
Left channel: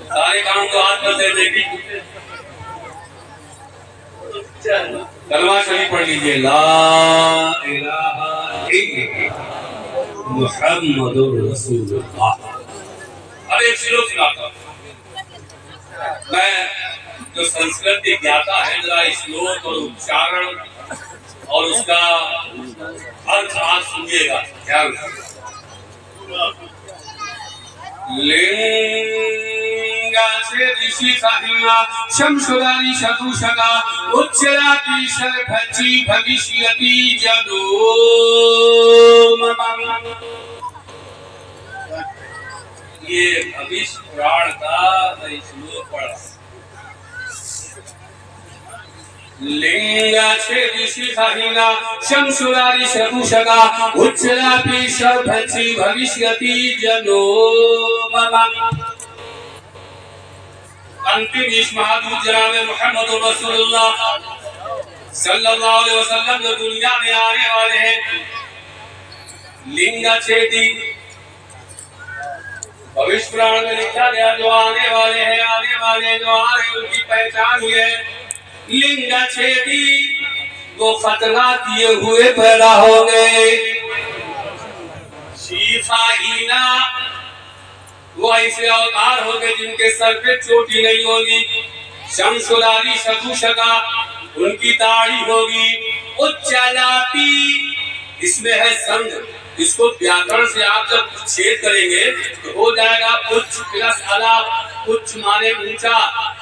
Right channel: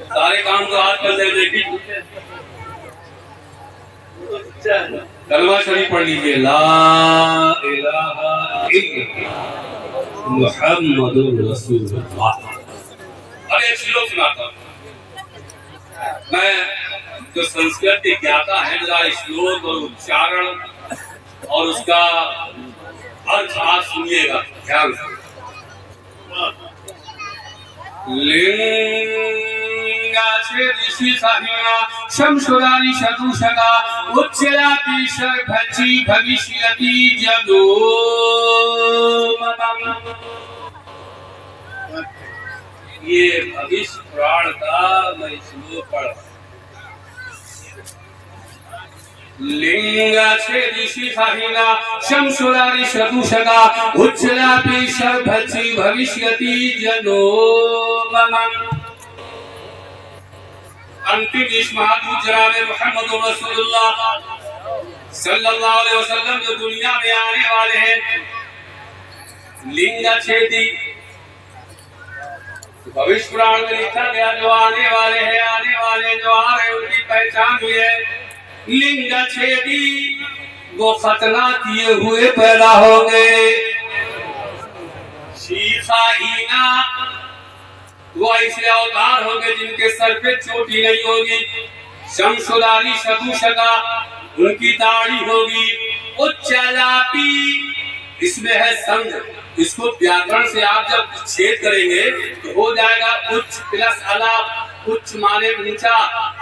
सारे काम तो हाथ पर ले देगी। कलमा शरीफ पढ़ लीजिए, ला इलाहा इल्लल्लाह मुहम्मदुर रसूलुल्लाह। अब एक श्लोक सुनाता हूं। मैं जो संस्कृत के ज्ञाता है जरा श्लोक और उच्चारण और उसका अर्थ आप सुनिएगा ध्यान से। लिंगाचे ऋषि साहिना शमशुरारी शतुषका उच्चराती शर्भची भविष्यति जदो। ये भविष्य पुराण का मैं श्लोक पढ़ा। लिंगाचे ऋषि साहिना शमशुरारी शतुषका उच्चराती शर्भची भविष्यति जदो। अंतिम इस महादूत जनाब मोहम्मद रसूलुल्लाह सल्लल्लाहु अलैहि वसल्लम जो दुनिया में आने वाले हैं। लिंगाछेदी भविष्य पुराण में लिखा गया जो आने वाले हैं, आने वाले जो आ रहे उनकी पहचान हुई है। लिंगाछेदी वो खतरा किए हुए पैदा हो गए। शीफाहीना वो ऐसे अवतार हो गए जिनके सर पे चोटी नहीं होगी। शमशुलारी शतुषका उनकी दाढ़ी होगी। उच्चलापी इसमें है संघ। इसको व्याकरण से आप जब छेद करेंगे तो हो जाएगा उच्च प्लस अलाप। उच्च माने ऊंचा,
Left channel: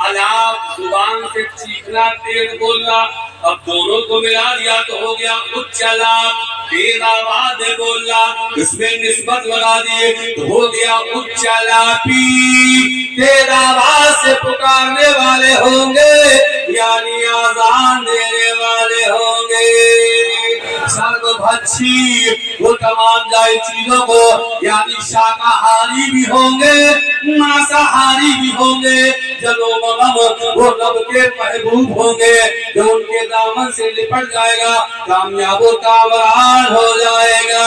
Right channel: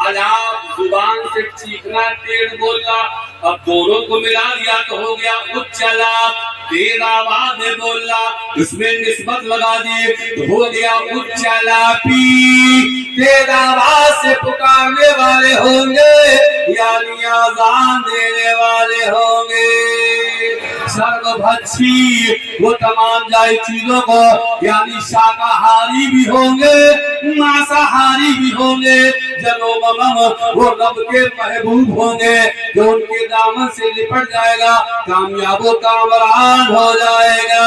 अलाप जुबान से चीखना, तेज बोलना। अब दोनों को मिला दिया तो हो गया उच्च अलाप। तेज आवाज में बोलना, उसमें निस्बत लगा दिए तो हो गया उच्च अलापी। तेज आवाज से पुकारने वाले होंगे यानी आजान देने वाले होंगे। सर्वभक्षी वो तमाम जाए चीजों को यानी शाकाहारी भी होंगे, मांसाहारी भी होंगे। जलोमम वो रब के महबूब होंगे जो उनके दामन से लिपट जाएगा, कामयाबो कामरान हो जाएगा।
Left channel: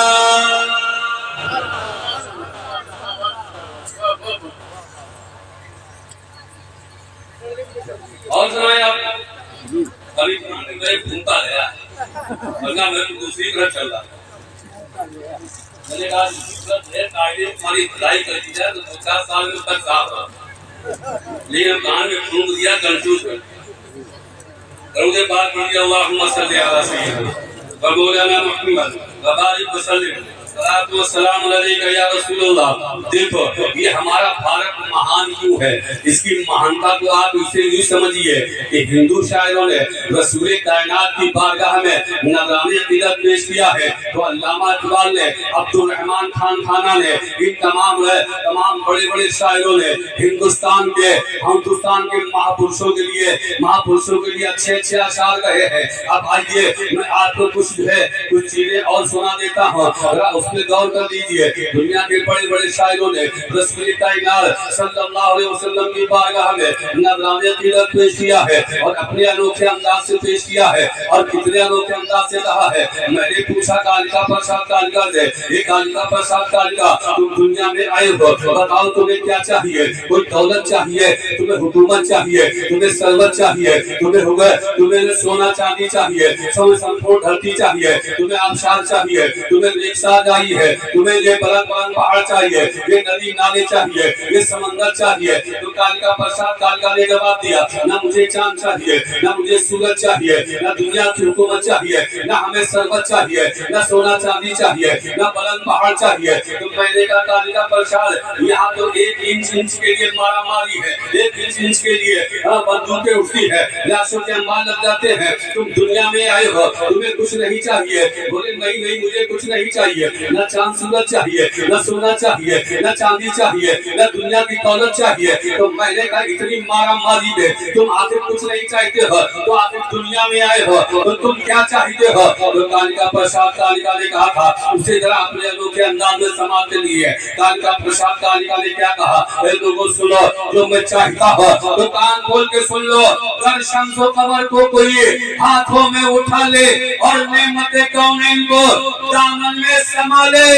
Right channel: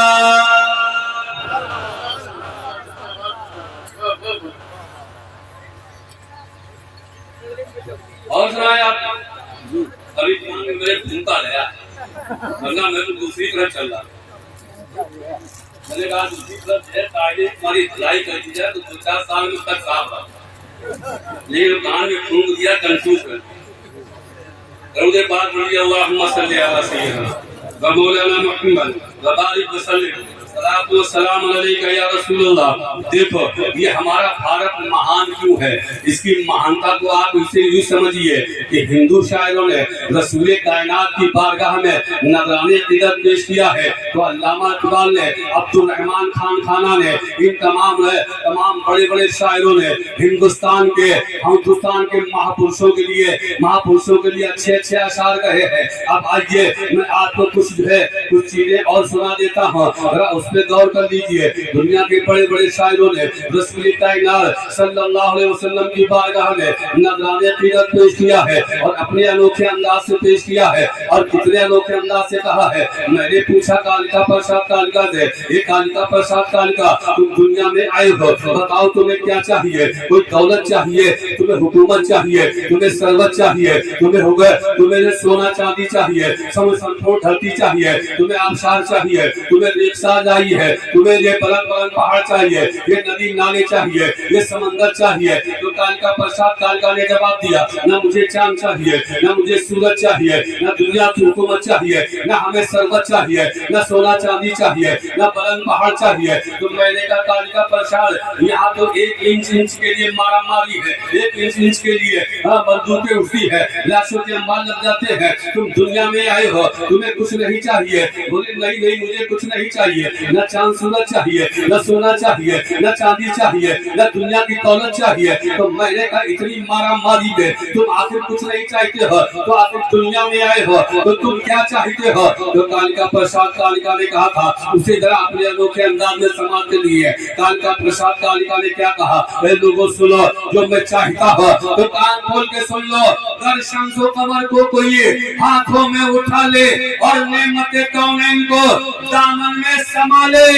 और सुनाए आप कभी मेरे घूमता गया वरना मैं तो दूसरी तरफ चल रहा। मैंने कहा दूसरी तरफ है कायदे तुम्हारी धुलाई कर दी जाए तो 2-4 साल में तक साफ रहा। लेकिन कान में फूंक दिया कंफ्यूज कर दरूद पाक पढ़ लिया अल्लाहुम्मा सल्ली अला सय्यिदना व मौलाना मुहम्मद व बारिक वसल्लिम सलातु व सलाम अलैका या रसूलुल्लाह। देखो ये हमारा भारत महान क्यों है, इसकी महानता को आप इसे यूं समझिए कि हिंदू शायरों ने रसूल कायनात की बारगाह में नजराने अक़ीदत पेश किया है तो अल्लामा इकबाल ने, अब्दुल रहमान खान खाना ने, इन तमाम बड़े बड़े शायरों ने हिंदुस्तान के महापुरुषों के लिए अच्छे अच्छे अशार कहे हैं। अब आइए मैं आपको कुछ चीजें और सुना देता हूँ, उसमें गौर कर लीजिए। दुनिया के बड़े बड़े शायरों ने रसूल कायनात सल्लल्लाहु अलैहि वसल्लम की बारगाह में नजराने अक़ीदत पेश किया है और अपने अनोखे अंदाज से पेश किया है। और कितने अनोखे अंदाज से कहा है। मैंने पूछा कालिका प्रसाद कालिका से, ये कालिका प्रसाद कालिका तुम दुनिया में आए हो, बताओ तुम्हें क्या चाहिए? कोई दौलत चाहिए, तुम्हें हुकूमत चाहिए, तुम्हें सरवत चाहिए, तुम्हें सोना चांदी चाहिए, संपूर्ण धरती चाहिए, तुम्हें आबशार चाहिए, तुम्हें रिक्शा चाहिए, तुम्हें ये बलंद पहाड़ चाहिए, ये नदी नाले चाहिए, ये समंदर चाहिए। तो कालिका प्रसाद कालिका ने जवाब दिया, ना मुझे चांद चाहिए, ना मुझे सूरज चाहिए, ना दुनिया की हुकूमत चाहिए, ना हमें सरवत चाहिए, ना सोना चांदी चाहिए, ना बुलंद पहाड़ चाहिए। तो मैंने कहा कालिका प्रसाद यहाँ तो 1 इंच के लिए मारा मारी है, 1 इंच के लिए बंदूकें उठती है, लाशों के अंबार लग जाते हैं। तुम दुनिया में आए हो, तुम्हें कुछ नहीं चाहिए। बोले नहीं मुझे कुछ नहीं चाहिए, न चांद सूरज चाहिए, न सोना चाहिए, न चांदी चाहिए, न दुनिया की दौलत चाहिए। तो मैंने कहा इतनी मारा मारी में तुम आखिर कुछ नहीं चाहते हो तो आखिर दुनिया में आए हो तो तुम क्या चाहते हो? तो कालिका प्रसाद कालिका ने कहा था, उसे जरा अपने अनोखे अंदाज में समाते लिए। कालिका प्रसाद कालिका ने क्या कहा? लोगों सुनो, जो मैं चाहता हूँ तो कान खोल के सुन लो। अगर शम्सो कमर को कोई हाथों में उठा ले और नेमते कौनैन को दामन में समा ले,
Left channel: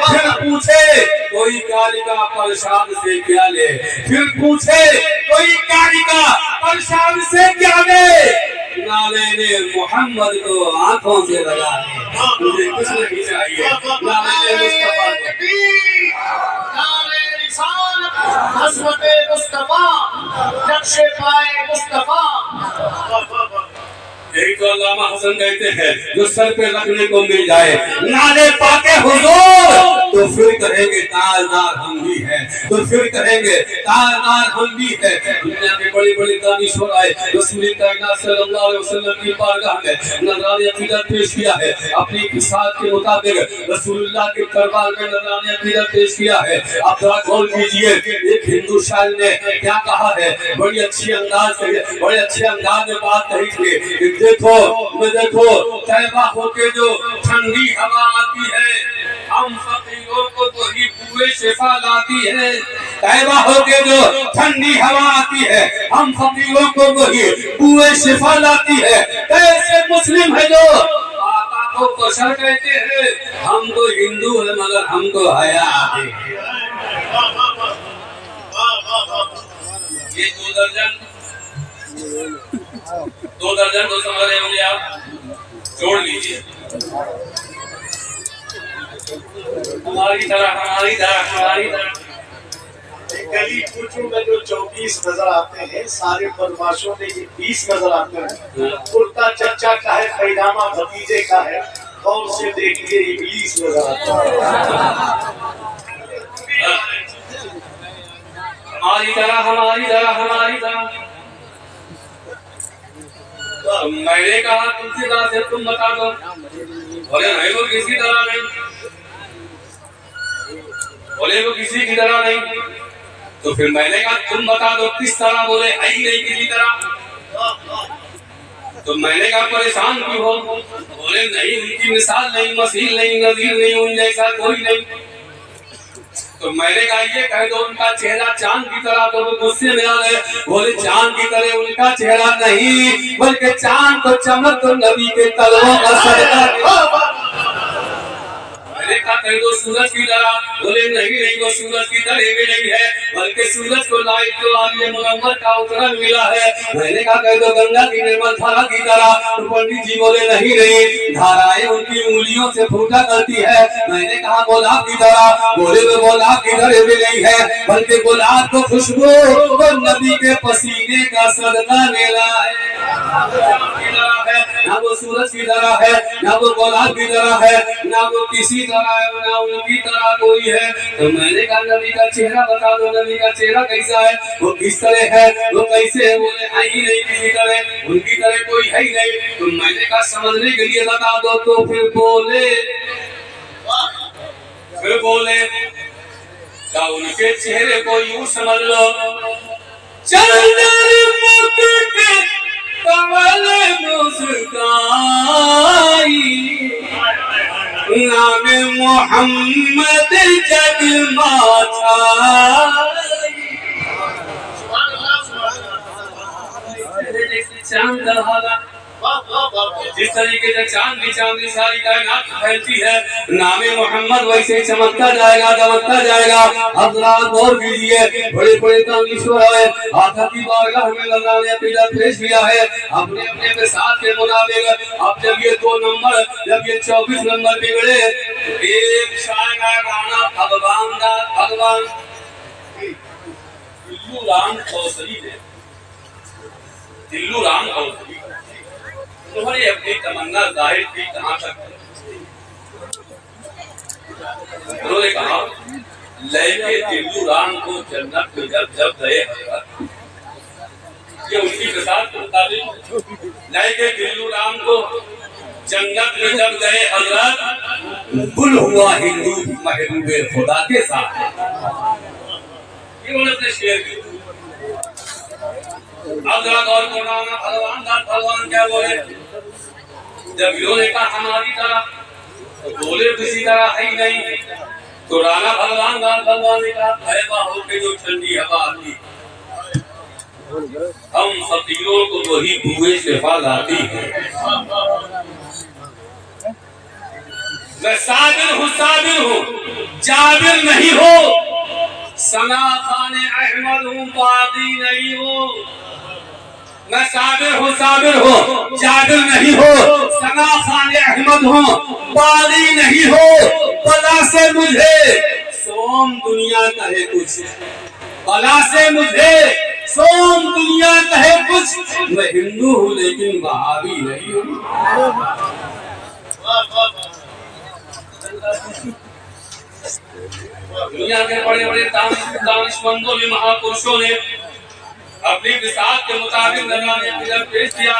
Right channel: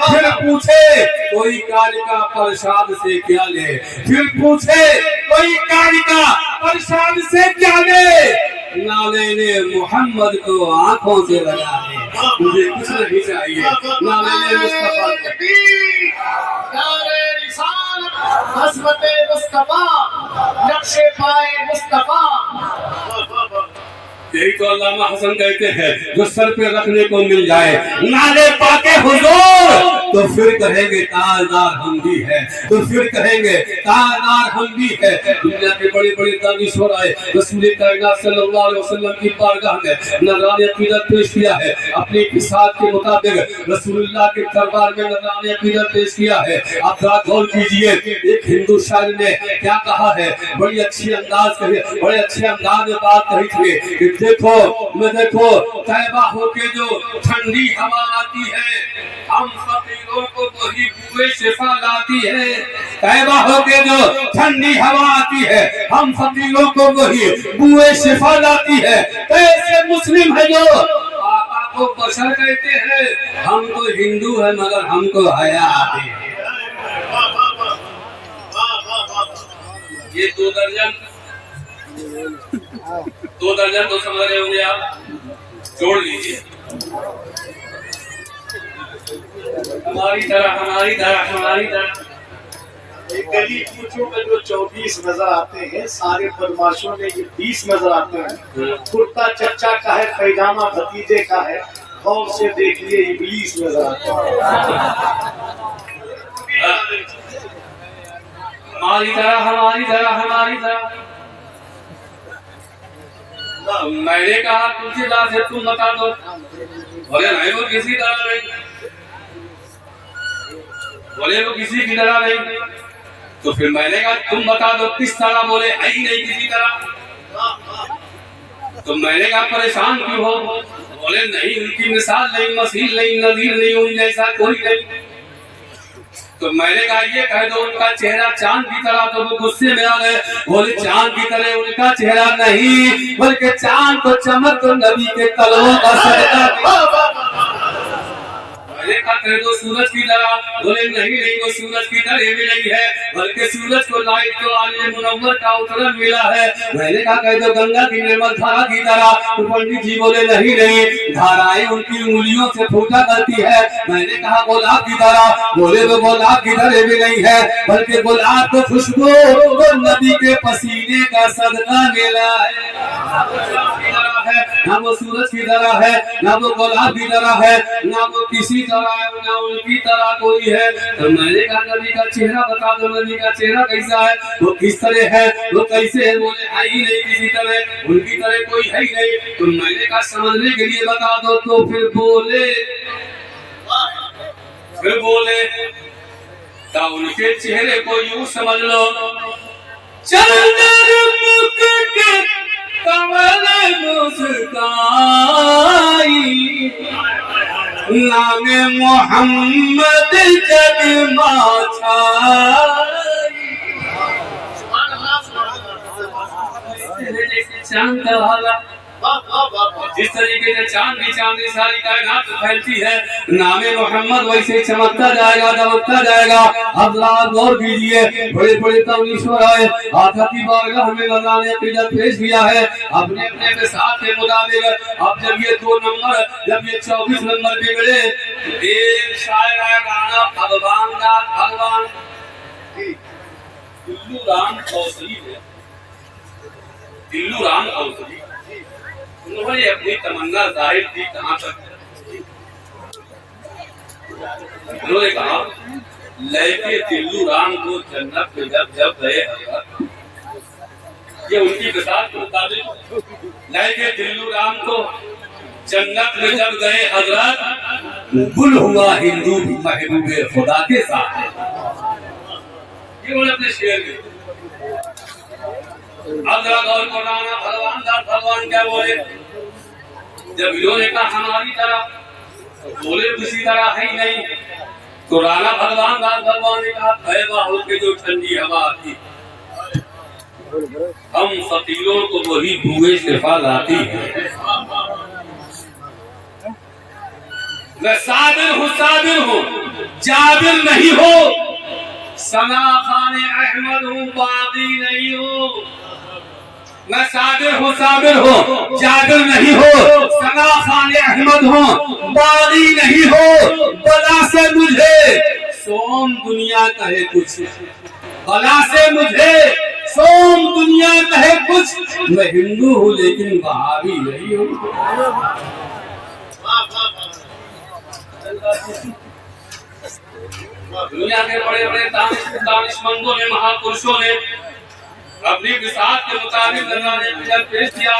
फिर पूछे कोई कालिका प्रसाद से क्या ले, फिर पूछे कोई कालिका प्रसाद से क्या ले, नाले ने मोहम्मद को आंखों से लगा ले। मुझे कुछ नहीं चाहिए, ना मैंने मुस्तफा को। नारे रिसालत हज़रत मुस्तफा, नक्शे पाए मुस्तफा। यही तो अल्लामा हसन कहते हैं, जो सर पे रखने को मिल जाए नाले पाके हुजूर, तो फिर कहेंगे ताजदार हम भी है, तो फिर कहेंगे ताजदार हम भी है। दुनिया के बड़े बड़े दानिश्वर आए, रसूल कायनात सल्लल्लाहु अलैहि वसल्लम की बारगाह में नजराने अकीदत पेश किया है, अपनी हिसाब के मुताबिक रसूलुल्लाह के दरबार में नजराने अकीदत पेश किया है। आप जरा गौर कीजिए, एक हिंदू शायर ने क्या कहा है, बड़ी अच्छी अंदाज कही, बड़े अच्छे अंदाज में बात कही थी। देखो मैं देखो, तैबा होके जो ठंडी हवा आती है, हम फकीरों को वही बुए शिफा लाती है। तैबा होके जो ठंडी हवा आती है, हम फकीरों को वही बुए शिफा लाती है। ऐसे मुस्लिम है जो आका को बशर कहते हैं, हम तो हिंदू है मगर हमको हया है। ये 2 दर्जन तो समझ रहे होंगे आप, जोड़ लीजिए। हमारी तरह एक गली पूछूं में जो 24 नजर आते हैं, सारे बदमाशों में ये 20 नजर आते हैं। कुर्ता चच्चा का है, पैजामा भतीजे का है, और से देखिए इब्लीस नजर आता है। हमारी तरह मैंने कहा तुमसे बात है, तुम बता दो। बोले नहीं वो किसी तरह नहीं, बोले वो किसी की तरह नहीं। तो फिर मैंने कहा तुम बता दो किस तरह, बोले है ही नहीं किसी तरह। तो मैंने कहा परेशान क्यों हो, बोले नहीं उनकी मिसाल नहीं, मसील नहीं, नजीर नहीं, उन जैसा कोई नहीं। तो मैंने कहा ये कह दो उनका चेहरा चांद की तरह, तो वो गुस्से में आ गए, बोले चांद की तरह उनका चेहरा नहीं, बल्कि चांद को चमक तो नबी के तलवों का सदका। मैंने कहा कह दो सूरज की तरह, बोले नहीं वो सूरज की तरह भी नहीं है, बल्कि सूरज को लाइट को आलिया मुनव्वर का उतरन मिला है। मैंने कहा कह दो गंगा की निर्मल धारा की तरह, तो पंडित जी बोले नहीं धाराएं उनकी उंगलियों से फूटा करती है। मैंने कहा गुलाब की तरह, बोले वो गुलाब की तरह भी नहीं है, बल्कि गुलाब को खुशबू वो नबी के पसीने का सदका मिला है। ना वो सूरज की तरह है, ना वो गुलाब की तरह है, ना वो किसी तरह है, ना उनकी तरह कोई है। तो मैंने कहा नबी का चेहरा बता दो, नबी का चेहरा कैसा है, वो किस तरह है, वो कैसे है, बोले है ही नहीं किसी तरह, उनकी तरह कोई है ही नहीं। तो मैंने कहा समझने के लिए बता दो। तो फिर बोले तो उनके चेहरे को यूं समझ लो, कमल मुस्काई नाम मोहम्मद चांद वाला, जिस तरीके से चांद की सारी कायनात फैलती है, नामे मोहम्मद वैसे चमकता जाएगा, दमकता जाएगा। अब आप गौर कीजिए, बड़े बड़े दानिश्वर आए, आका की बारगाह में लगाने अकीदत पेश किया है अपने अपने के साथ के मुताबिक। अब जब ये 2 नंबर, जब ये 24 नंबर बिगड़े, एक शायर का गाना भगवान दिल्लू राम कौसली है, दिल्लू राम कौसली, उन्होंने अपनी तमन्ना जाहिर की कहां तक, उन्होंने कहा लेके दिल्लू राम को जन्नत में जब गए हजरत, ये उनकी मिसाल के मुताबिक, लेके दिल्लू राम को जन्नत में जब गए हजरत, गुल हुआ हिंदू भी महबूबे खुदा के साथ। ये उन्होंने अपने शेर में और भगवान क्या बोले, जब इन्होंने कहा हमारी तरह, तो बोले किसी तरह है ही नहीं। तो राणा भगवान ने कहा तैबा होके जो ठंडी हवा आती, हम फकीरों को वही बुए शिफा लाती है। मैं साबिर हूँ जाबिर नहीं हो, सना खाने अहमद हूँ बागी नहीं हो। मैं साबिर हूँ जाबिर नहीं हो, सना खाने अहमद हो, बागी नहीं हो, बला से मुझे सोम दुनिया कहे कुछ, बला से मुझे सोम दुनिया कहे कुछ, मैं हिंदू हूँ लेकिन वहाबी नहीं हूँ। दुनिया के बड़े बड़े दानिशमंदों ने, महापुरुषों ने अपनी विसात के मुताबिक नजराने बिजल पेश किया,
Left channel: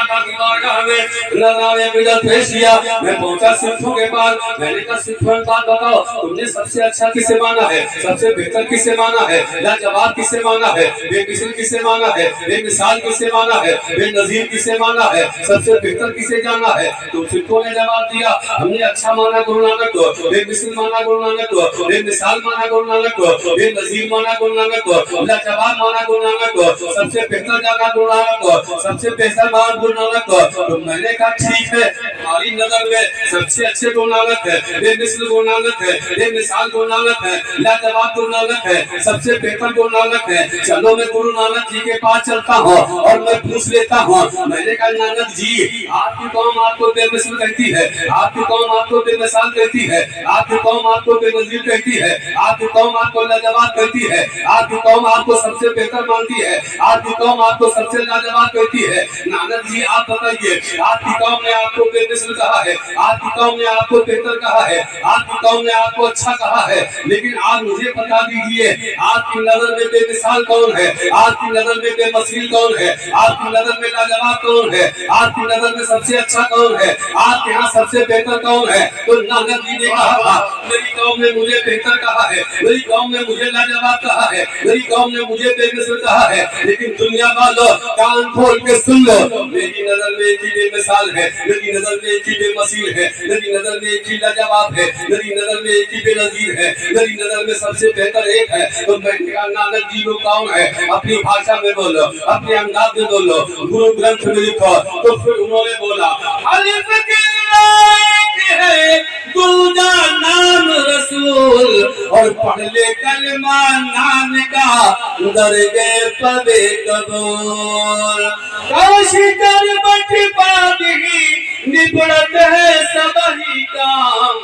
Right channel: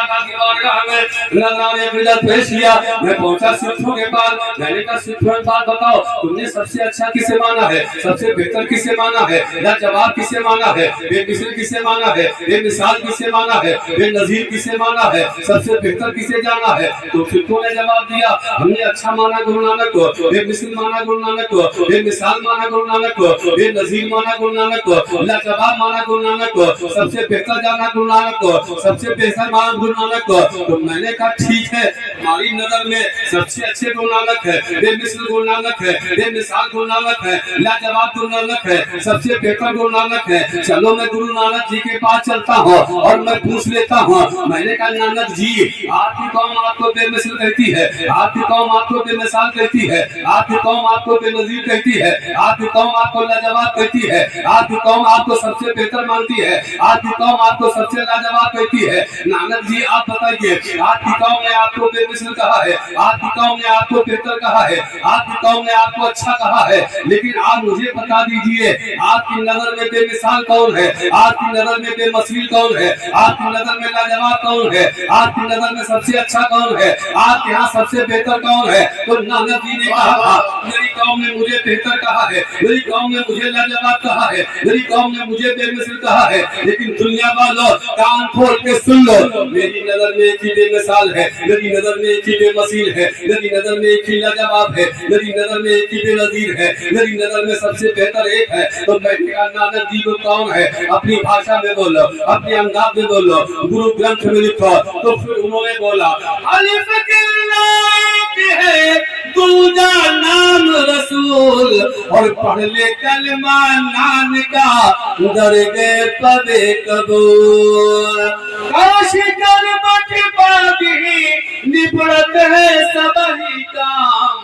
नजराने बिजल पेश किया। मैं पहुंचा सिखों के पास, मैंने कहा सिखों के पास बताओ तुमने सबसे अच्छा किसे माना है, सबसे बेहतर किसे माना है, लाजवाब किसे माना है, बेमिसाल किसे माना है, बेमिसाल किसे माना है, बेनजीर किसे माना है, सबसे बेहतर किसे जाना है। तो सिखों ने जवाब दिया हमने अच्छा माना गुरु नानक को, बेमिसाल माना गुरु नानक को, बेमिसाल माना गुरु नानक को, बेनजीर माना गुरु नानक को, लाजवाब माना गुरु नानक को, सबसे बेहतर जाना गुरु नानक को, सबसे बेहतर माना गुरु नानक को। तो मैंने कहा ठीक है, हमारी नजर में सबसे अच्छे गुरु नानक है, बेमिसाल गुरु नानक है, बेमिसाल गुरु नानक है, लाजवाब गुरु नानक है, सबसे बेहतर गुरु नानक है। चलो मैं गुरु नानक जी के पास चलता हूँ और मैं पूछ लेता हूँ। मैंने कहा नानक जी आपकी कौम आपको बेमिसाल कहती है, आपकी कौम आपको बेमिसाल कहती है, आपकी कौम आपको बेनजीर कहती है, आपकी कौम आपको लाजवाब कहती है, आपकी कौम आपको सबसे बेहतर मानती है, आपकी कौम आपको सबसे लाजवाब कहती है। नानक जी आप बताइए आपकी कौम ने आपको बेमिसाल कहा है, आपकी कौम ने आपको बेहतर कहा है, आपकी कौम ने आपको अच्छा कहा है, लेकिन आप मुझे बता दीजिए आपकी नजर में बेमिसाल कौन है, आपकी नजर में बेमसील कौन है, आपकी नजर में लाजवाब कौन है, आपकी नजर में सबसे अच्छा कौन है, आपके यहाँ सबसे बेहतर कौन है। तो नानक जी ने कहा था मेरी कौम ने मुझे बेहतर कहा है, मेरी कौम ने मुझे लाजवाब कहा है, मेरी कौम ने मुझे बेमिसाल कहा है, लेकिन दुनिया वालों कान खोल के सुन लो, मेरी नजर में एक ही बेमिसाल है, मेरी नजर में एक ही बेमसील है, मेरी नजर में एक ही लाजवाब है, मेरी नजर में एक ही बेनजीर है, मेरी नजर में सबसे बेहतर एक है। तो मैंने कहा नानक जी को कौन है, अपनी भाषा में बोलो, अपने अंदाज में बोलो, गुरु ग्रंथ में लिखो। तो फिर उन्होंने बोला अलिफ है दूजा नाम रसूल, और पढ़ ले कलमा नाम का दरगे पबे कबूल, काश कर बट बादही निपड़त है सबही काम,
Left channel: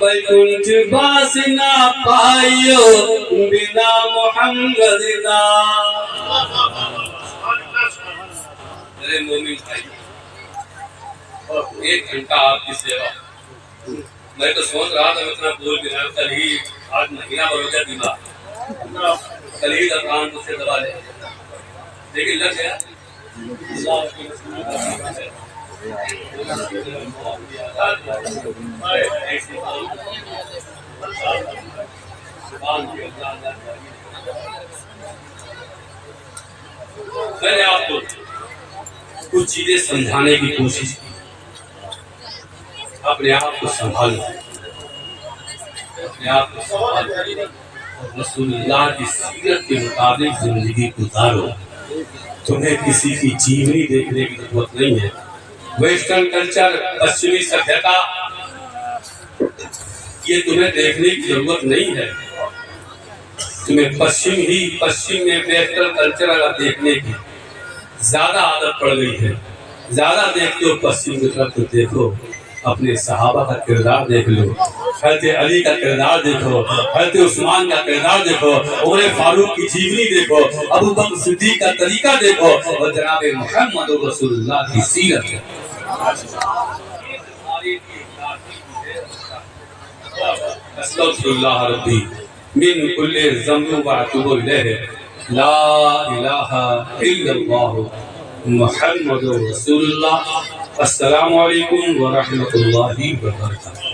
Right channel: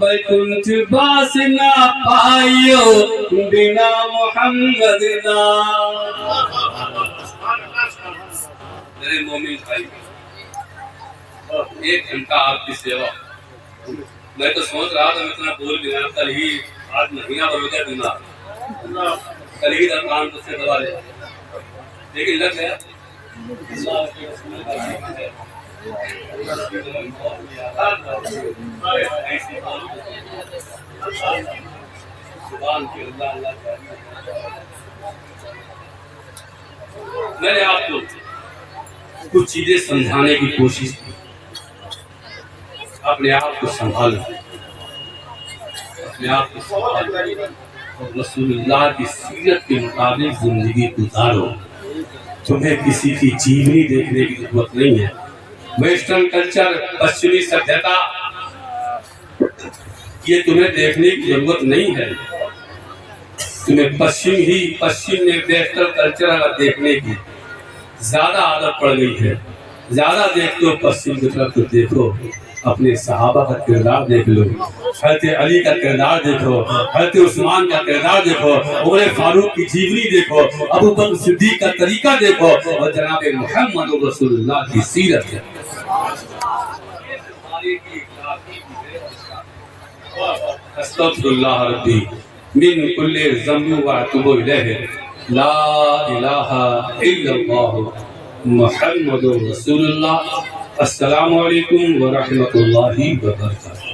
बैकुंठ बास ना पाइयो बिना मोहम्मद दा। मेरे मोमिन भाई एक घंटा आपकी सेवा, मैं तो सोच रहा था मैं इतना बोल भी रहा, कल ही आज महीना भर हो गया बीमार, कल ही कान से दबा ले, लेकिन लग गया मैंने आपको कुछ चीजें समझाने की कोशिश की, अपने आप को संभालो, अपने आप को संभालो और रसूलुल्लाह की सीरत के मुताबिक जिंदगी गुजारो। तुम्हें किसी की जीवनी देखने की जरूरत नहीं है, वेस्टर्न कल्चर, पश्चिमी सभ्यता, ये तुम्हें देखने की जरूरत नहीं है। तुम्हें पश्चिम में वेस्टर्न कल्चर अगर देखने की ज्यादा आदत पड़ गई है, ज्यादा देखते हो पश्चिम की तरफ, तो देखो अपने सहाबा का किरदार देख लो, हज़रत अली का किरदार देखो, हज़रत उस्मान का किरदार देखो, उमर फारूक की जीवनी देखो, अबू बकर सिद्दीक का तरीका देखो, और जनाब मोहम्मद रसूलुल्लाह की सीरत है। अस्तगफिरुल्लाह रब्बी मिन कुल्ली ज़ंबि व अतूबु इलैहि, ला इलाहा इल्लल्लाह मुहम्मदुर रसूलुल्लाह। अस्सलामु अलैकुम व रहमतुल्लाहि व बरकातुहू।